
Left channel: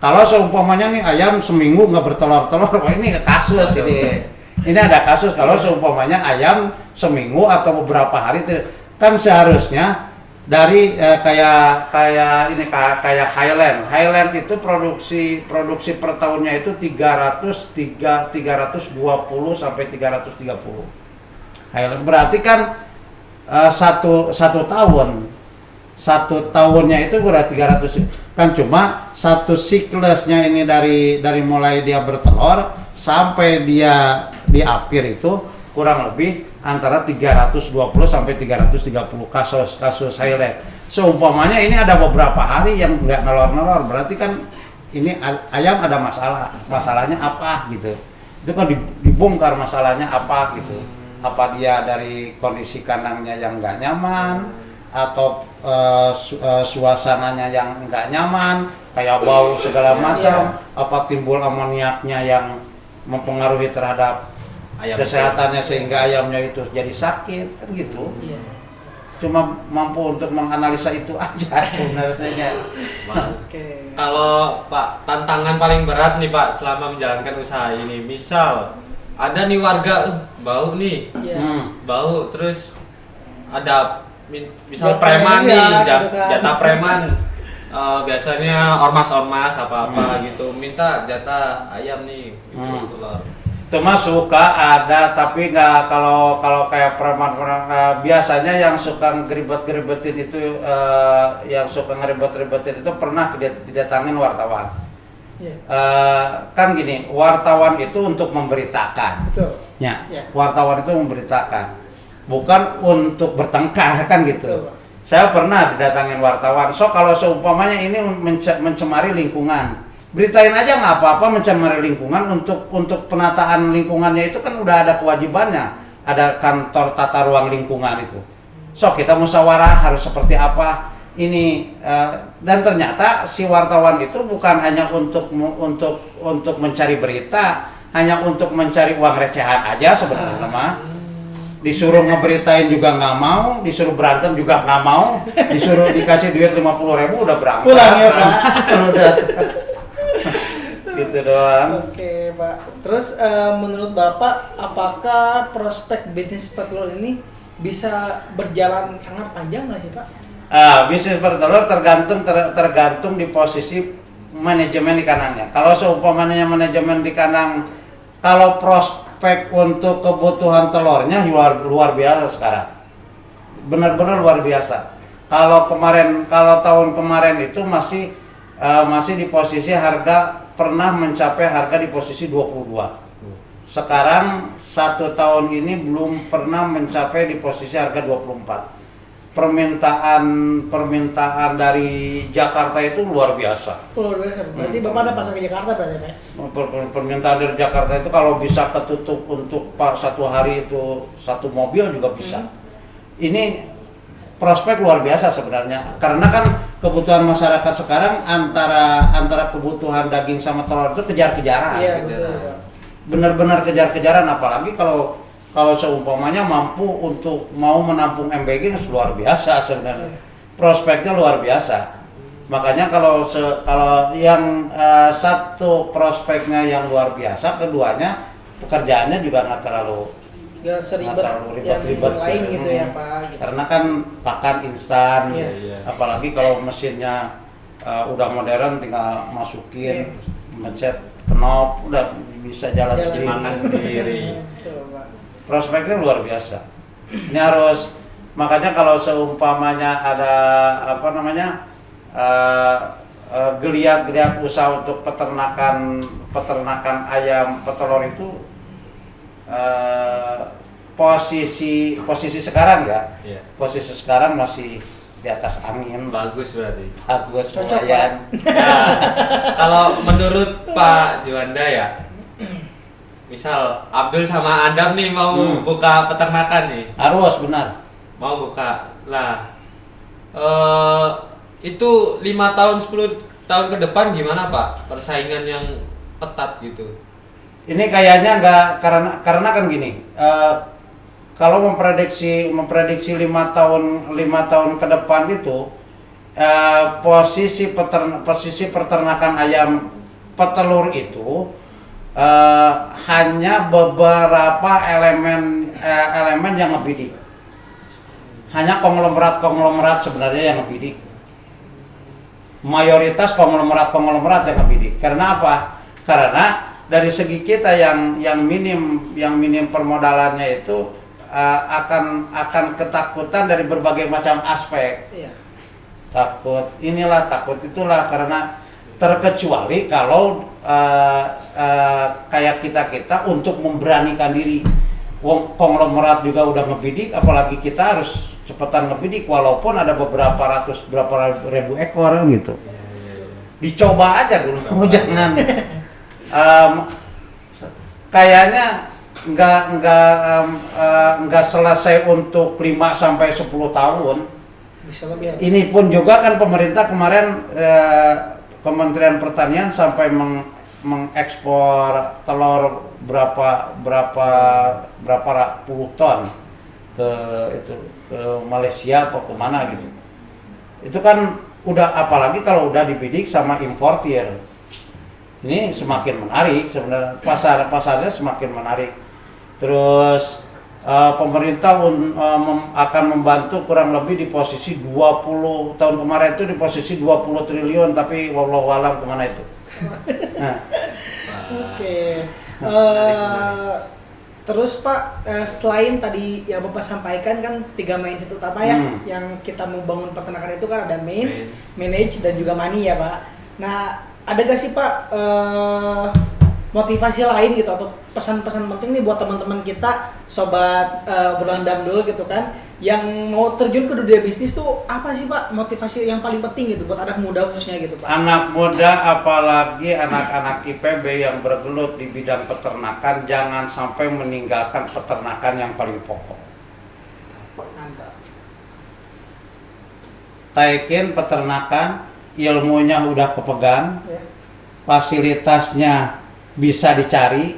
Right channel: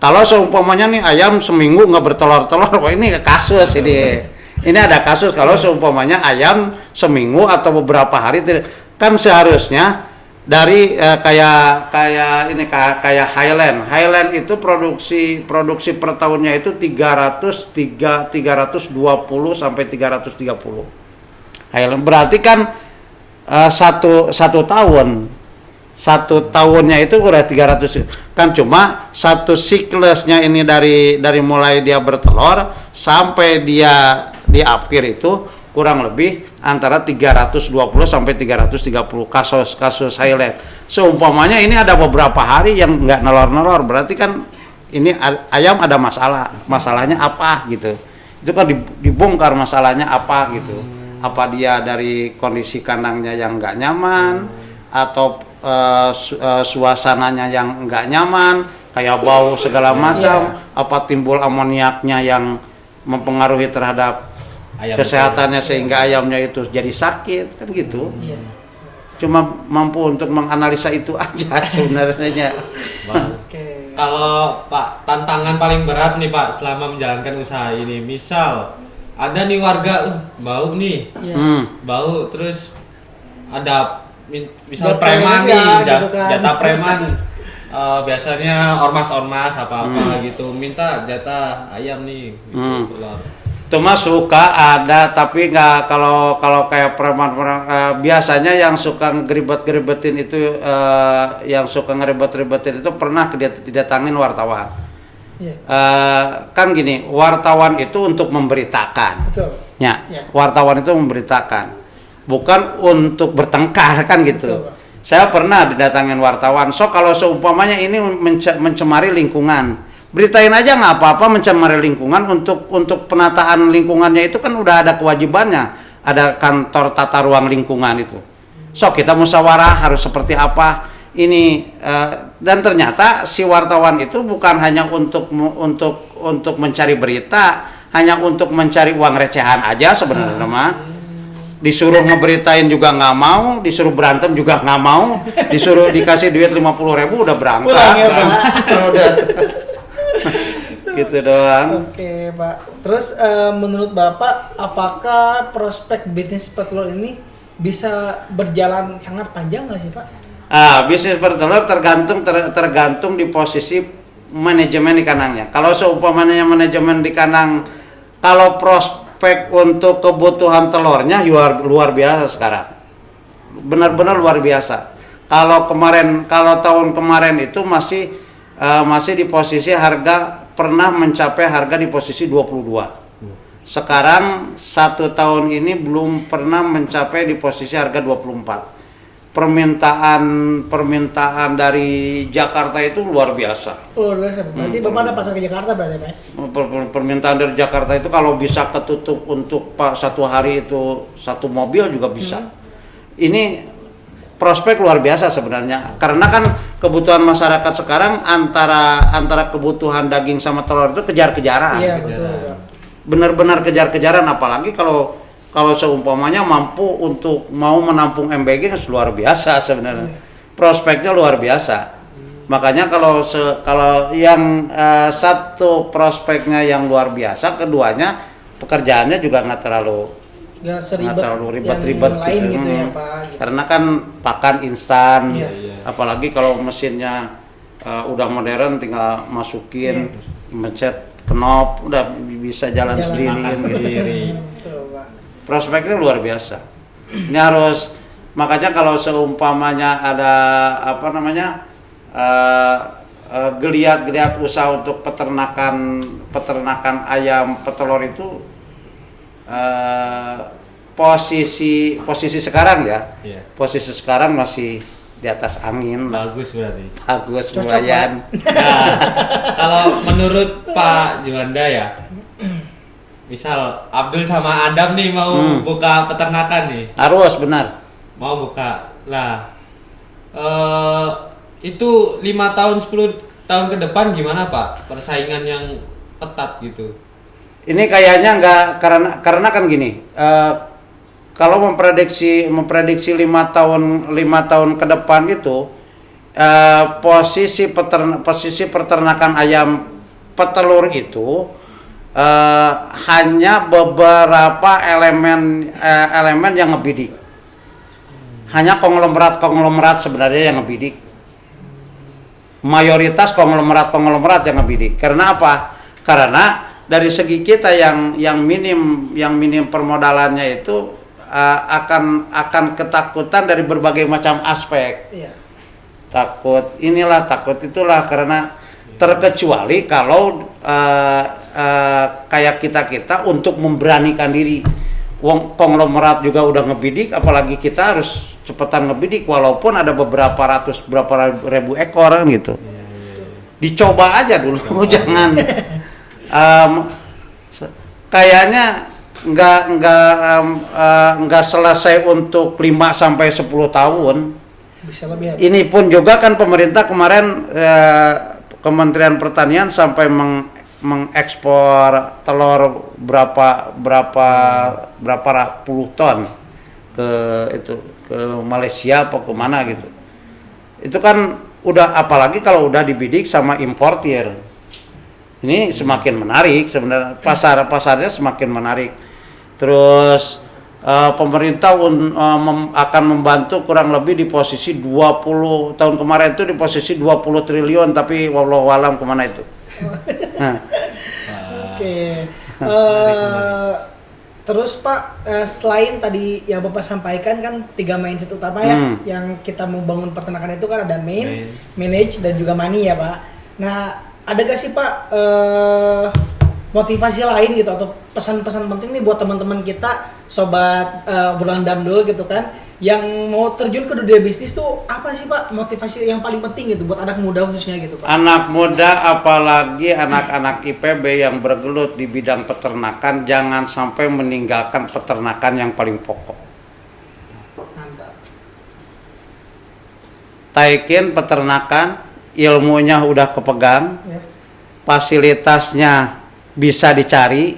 Kalau seumpamanya nih ayam seminggu nggak bertelur-telur, wah ini kasus ini. Ini ada kasus kalau seumpamanya ayam seminggu atau beberapa hari kan seharusnya dari kayak Highland itu produksi per tahunnya itu 320 sampai 330. Highland berarti kan satu tahunnya itu udah 300 kan, cuma satu siklusnya ini dari mulai dia bertelur sampai dia di akhir itu kurang lebih antara 320 sampai 330 kasus Highland. Seumpamanya ini ada beberapa hari yang nggak nelor-nelor, berarti kan ini ayam ada masalahnya apa gitu. Itu kan dibongkar masalahnya apa gitu. Apa dia dari kondisi kandangnya yang nggak nyaman, atau suasananya yang nggak nyaman, kayak bau segala macam, apa timbul amoniaknya yang mempengaruhi terhadap Ayam kesehatannya sehingga ayamnya itu jadi sakit kan gitu. Iya. Cuma mampu untuk menganalisa itu aja sebenarnya. Bagus. Oke. Kalau Pak, tantangan paling berat nih Pak selama menjalankan usaha ini, misal ada nih warga bau nih, Iya. bau terus ada misal Jatah preman juga, nih, gitu kan. jatah preman. Biasanya ormas-ormas apa gitu minta jatah ayam nih, gitu, telur. Itu mah suka ada, tapi nggak kalau kayak preman biasanya yang suka ngeribet-ngeribetin itu itu pernah didatangin wartawan. Iya. Kan gini, wartawan itu untuk memberitakan. Betul. Ya, Ya. wartawan itu memberitakan, bukan untuk bertengkar kan gitu. Betul, Pak. Saya pernah didatangin wartawan, so kalau seumpamanya ini mencemari lingkungan, beritain aja nggak apa-apa mencemari lingkungan, untuk penataan lingkungannya itu kan udah ada kewajibannya, ada kantor tata ruang lingkungan itu. So kita musyawarah harus seperti apa ini, dan ternyata si wartawan itu bukan hanya untuk mencari berita, hanya untuk mencari uang recehan aja sebenarnya mah. Disuruh ngeberitain juga nggak mau, disuruh berantem juga nggak mau, disuruh dikasih duit 50.000 udah berangkat. Pulang ya, Pak. Udah. Gitu doang. Oke, Pak. Terus menurut Bapak, apakah prospek bisnis petelur ini bisa berjalan sangat panjang nggak sih, Pak? Bisnis petelur tergantung di posisi manajemen di kandangnya. Kalau seumpamanya manajemen di kandang, kalau prospek untuk kebutuhan telurnya luar biasa sekarang. Benar-benar luar biasa. Kalau tahun kemarin itu masih di posisi harga pernah mencapai harga di posisi 22. Sekarang 1 tahun ini belum pernah mencapai di posisi harga 24. Permintaan dari Jakarta itu luar biasa. Luar biasa. Berarti Bapak ada pasar ke Jakarta berarti, Pak? Permintaan dari Jakarta itu kalau bisa ketutup untuk 1 hari itu 1 mobil juga bisa. Ini prospek luar biasa sebenarnya, karena kan kebutuhan masyarakat sekarang antara kebutuhan daging sama telur itu kejar-kejaran. Iya, betul, Pak. Benar-benar kejar-kejaran, apalagi kalau seumpamanya mampu untuk mau menampung MBG luar biasa sebenarnya. Prospeknya luar biasa. Makanya kalau yang satu prospeknya yang luar biasa, keduanya pekerjaannya juga nggak terlalu ribet-ribet yang lain gitu ya, Pak. Gitu. Karena kan pakan instan, Iya. apalagi kalau mesinnya udah modern, tinggal masukin, mencet knop, udah bisa jalan sendiri. Sendiri. Betul, Pak. Prospeknya luar biasa. Ini harus, makanya kalau seumpamanya ada geliat usaha untuk peternakan ayam petelur itu, posisi sekarang ya, Iya. posisi sekarang masih di atas angin. Bagus berarti. Bagus, Cocok, lumayan. Nah, kalau menurut Pak Juanda ya, misal Abdul sama Adam nih mau buka peternakan nih, Harus benar. mau buka lah, Itu 5 tahun 10 tahun ke depan gimana Pak? Persaingan yang ketat gitu. Ini kayaknya nggak, karena kan gini, kalau memprediksi 5 tahun ke depan itu posisi peternakan ayam petelur itu hanya beberapa elemen yang ngebidik. Hanya konglomerat sebenarnya yang ngebidik. Mayoritas konglomerat yang ngebidik. Karena apa? Karena dari segi kita yang minim permodalannya itu akan ketakutan dari berbagai macam aspek. Iya. Takut inilah, takut itulah, karena terkecuali kalau kayak kita untuk memberanikan diri. Wong konglomerat juga udah ngebidik, apalagi kita harus cepetan ngebidik walaupun ada berapa ribu ekor gitu. Dicoba aja dulu, jangan. Kayaknya nggak selesai untuk 5 sampai 10 tahun. Bisa lebih. Ini pun juga kan pemerintah kemarin Kementerian Pertanian sampai mengekspor telur berapa puluh ton ke Malaysia apa kemana gitu. Itu kan udah, apalagi kalau udah dibidik sama importir. Ini semakin menarik sebenarnya, pasarnya semakin menarik. Terus pemerintah akan membantu kurang lebih di posisi 20 tahun kemarin itu di posisi 20 triliun, tapi wallahu alam kemana itu. Nah. Oke. Terus Pak, selain tadi yang Bapak sampaikan kan 3 mindset utama ya, yang kita mau bangun peternakan itu kan ada manage dan juga money ya Pak. Nah, ada gak sih Pak motivasi lain gitu atau pesan-pesan penting nih buat teman-teman kita, sobat Bulan Damdul gitu kan, yang mau terjun ke dunia bisnis tuh apa sih Pak motivasi yang paling penting gitu buat anak muda khususnya gitu Pak? Anak muda, apalagi anak-anak IPB yang bergelut di bidang peternakan, jangan sampai meninggalkan peternakan yang paling pokok. Mantap. Taikin peternakan, ilmunya udah kepegang, fasilitasnya bisa dicari,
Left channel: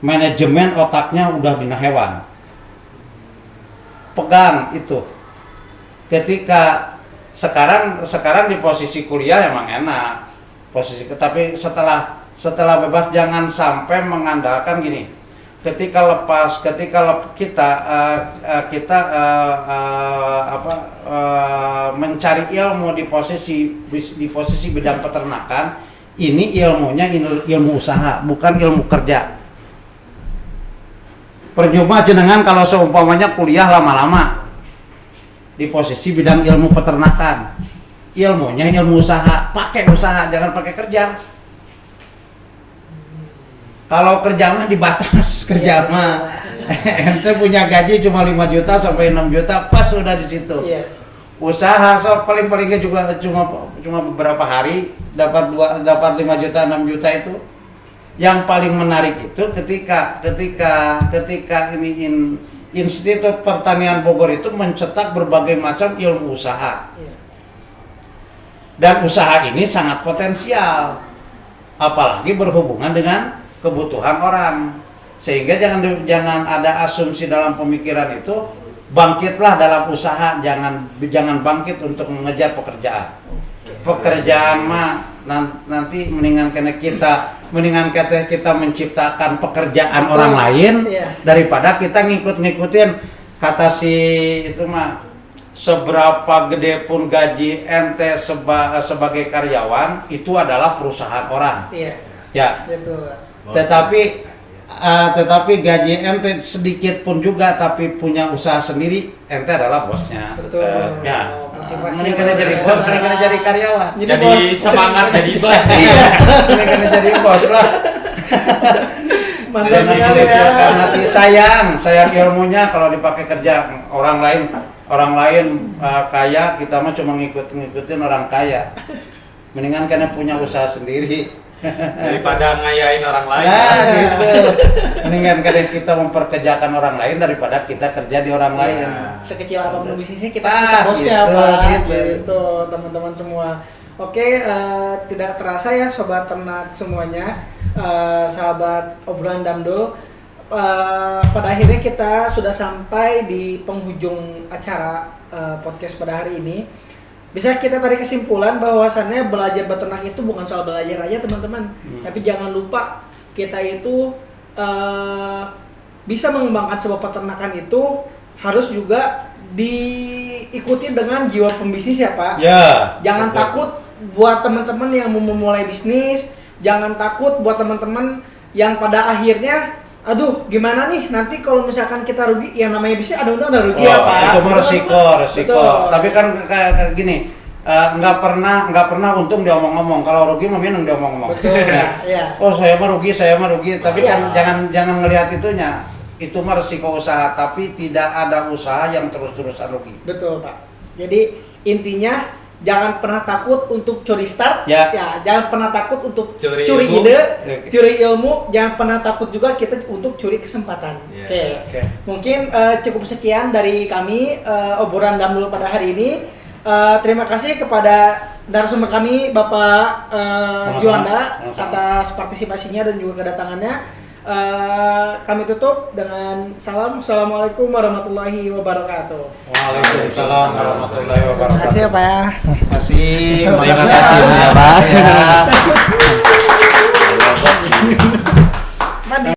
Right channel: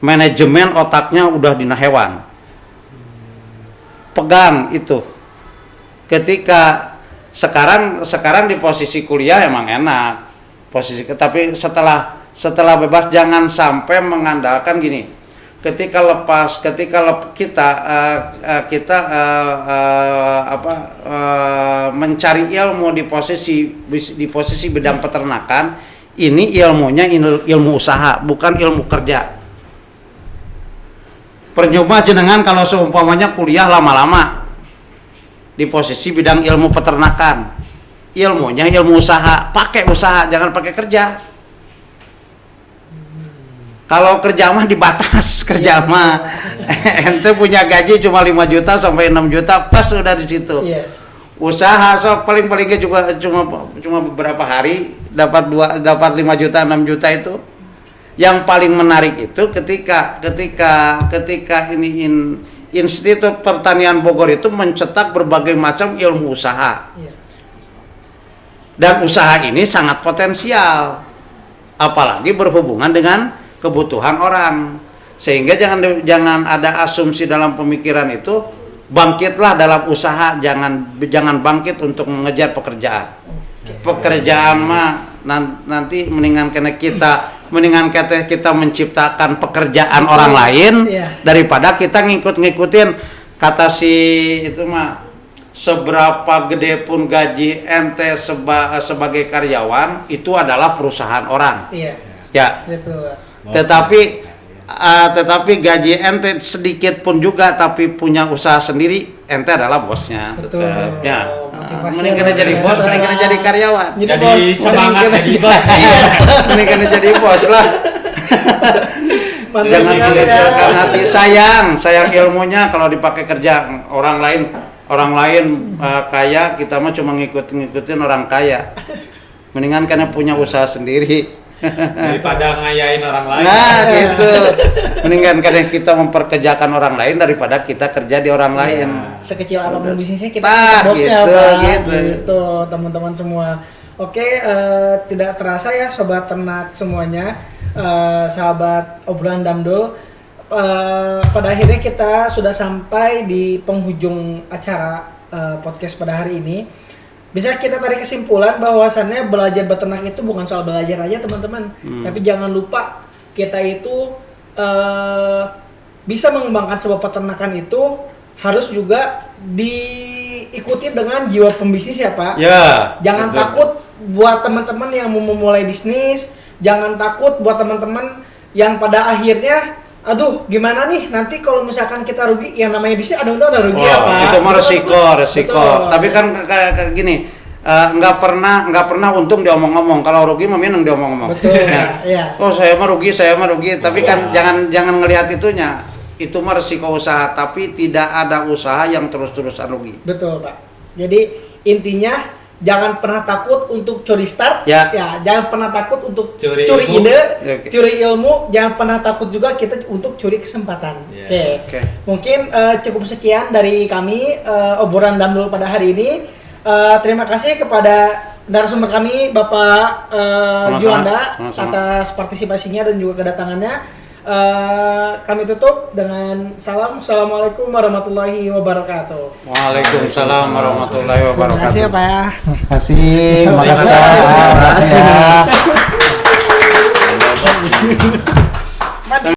manajemen otaknya udah dina hewan. Pegang itu. Ketika sekarang di posisi kuliah emang enak. Tapi setelah bebas jangan sampai mengandalkan gini. Ketika kita mencari ilmu di posisi bidang peternakan, ini ilmunya ilmu usaha, bukan ilmu kerja. Percuma jenengan kalau seumpamanya kuliah lama-lama di posisi bidang ilmu peternakan, ilmunya ilmu usaha, pakai usaha, jangan pakai kerja. Kalau kerja mah dibatas, kerja mah ente punya gaji cuma 5 juta sampai 6 juta, pas sudah di situ. Usaha sok paling-palingnya juga cuma beberapa hari dapat 5 juta 6 juta itu. Yang paling menarik itu ketika ini Institut Pertanian Bogor itu mencetak berbagai macam ilmu usaha. Dan usaha ini sangat potensial. Apalagi berhubungan dengan kebutuhan orang. Sehingga jangan ada asumsi dalam pemikiran itu, bangkitlah dalam usaha, jangan bangkit untuk mengejar pekerjaan. Pekerjaan mah nanti mendingan kita menciptakan pekerjaan orang lain daripada kita ngikutin kata si itu mah, seberapa gede pun gaji ente sebagai karyawan itu adalah perusahaan orang. Ya. Betul. Tetapi gaji ente sedikit pun juga tapi punya usaha sendiri, ente adalah bosnya. Betul. Ya. Mendingan jadi bos, mendingan jadi karyawan. Jadi semangat jadi bos. Mendingan jadi bos lah. Jangan mengecilkan hati, sayang ilmunya kalau dipakai kerja. Orang lain kaya, kita mah cuma ngikutin orang kaya. Mendingan kan punya usaha sendiri. Daripada ngayain orang lain. Nah, gitu. Mendingan kadang kita memperkerjakan orang lain daripada kita kerja di orang lain. Sekecil apapun bisnisnya kita Nah, bosnya gitu, Pak. gitu. Gitu, teman-teman semua. Oke, tidak terasa ya sobat ternak semuanya, sahabat obrolan Damdul. Pada akhirnya kita sudah sampai di penghujung acara podcast pada hari ini. Bisa kita tarik kesimpulan bahwasannya belajar beternak itu bukan soal belajar aja teman-teman, tapi jangan lupa kita itu bisa mengembangkan sebuah peternakan itu harus juga diikuti dengan jiwa pembisnis ya Pak. Ya. Jangan betul. takut buat teman-teman yang mau memulai bisnis, jangan takut buat teman-teman yang pada akhirnya aduh gimana nih nanti kalau misalkan kita rugi, yang namanya bisnis ada untung ada rugi Oh, ya Pak. itu mah resiko. Betul. Tapi kan kayak gini, nggak pernah untung diomong-omong. Kalau rugi mah memang diomong-omong. Betul. Nah, Iya. oh saya mah rugi. Tapi kan Iya. jangan ngelihat itunya. Itu mah resiko usaha, tapi tidak ada usaha yang terus-terusan rugi. Betul Pak. Jadi intinya jangan pernah takut untuk curi start, Ya. jangan pernah takut untuk Curi curi ilmu. ide, Oke. curi ilmu, jangan pernah takut juga kita untuk curi kesempatan. Ya. Oke. Mungkin cukup sekian dari kami obrolan Damdul pada hari ini. Terima kasih kepada narasumber kami Bapak Sama-sama. Juanda Sama-sama. atas partisipasinya dan juga kedatangannya. Kami tutup dengan salam. Assalamualaikum warahmatullahi wabarakatuh. Waalaikumsalam warahmatullahi Terima wabarakatuh. kasih ya Pak ya. Kasih. Makasih. Makasih. Ya.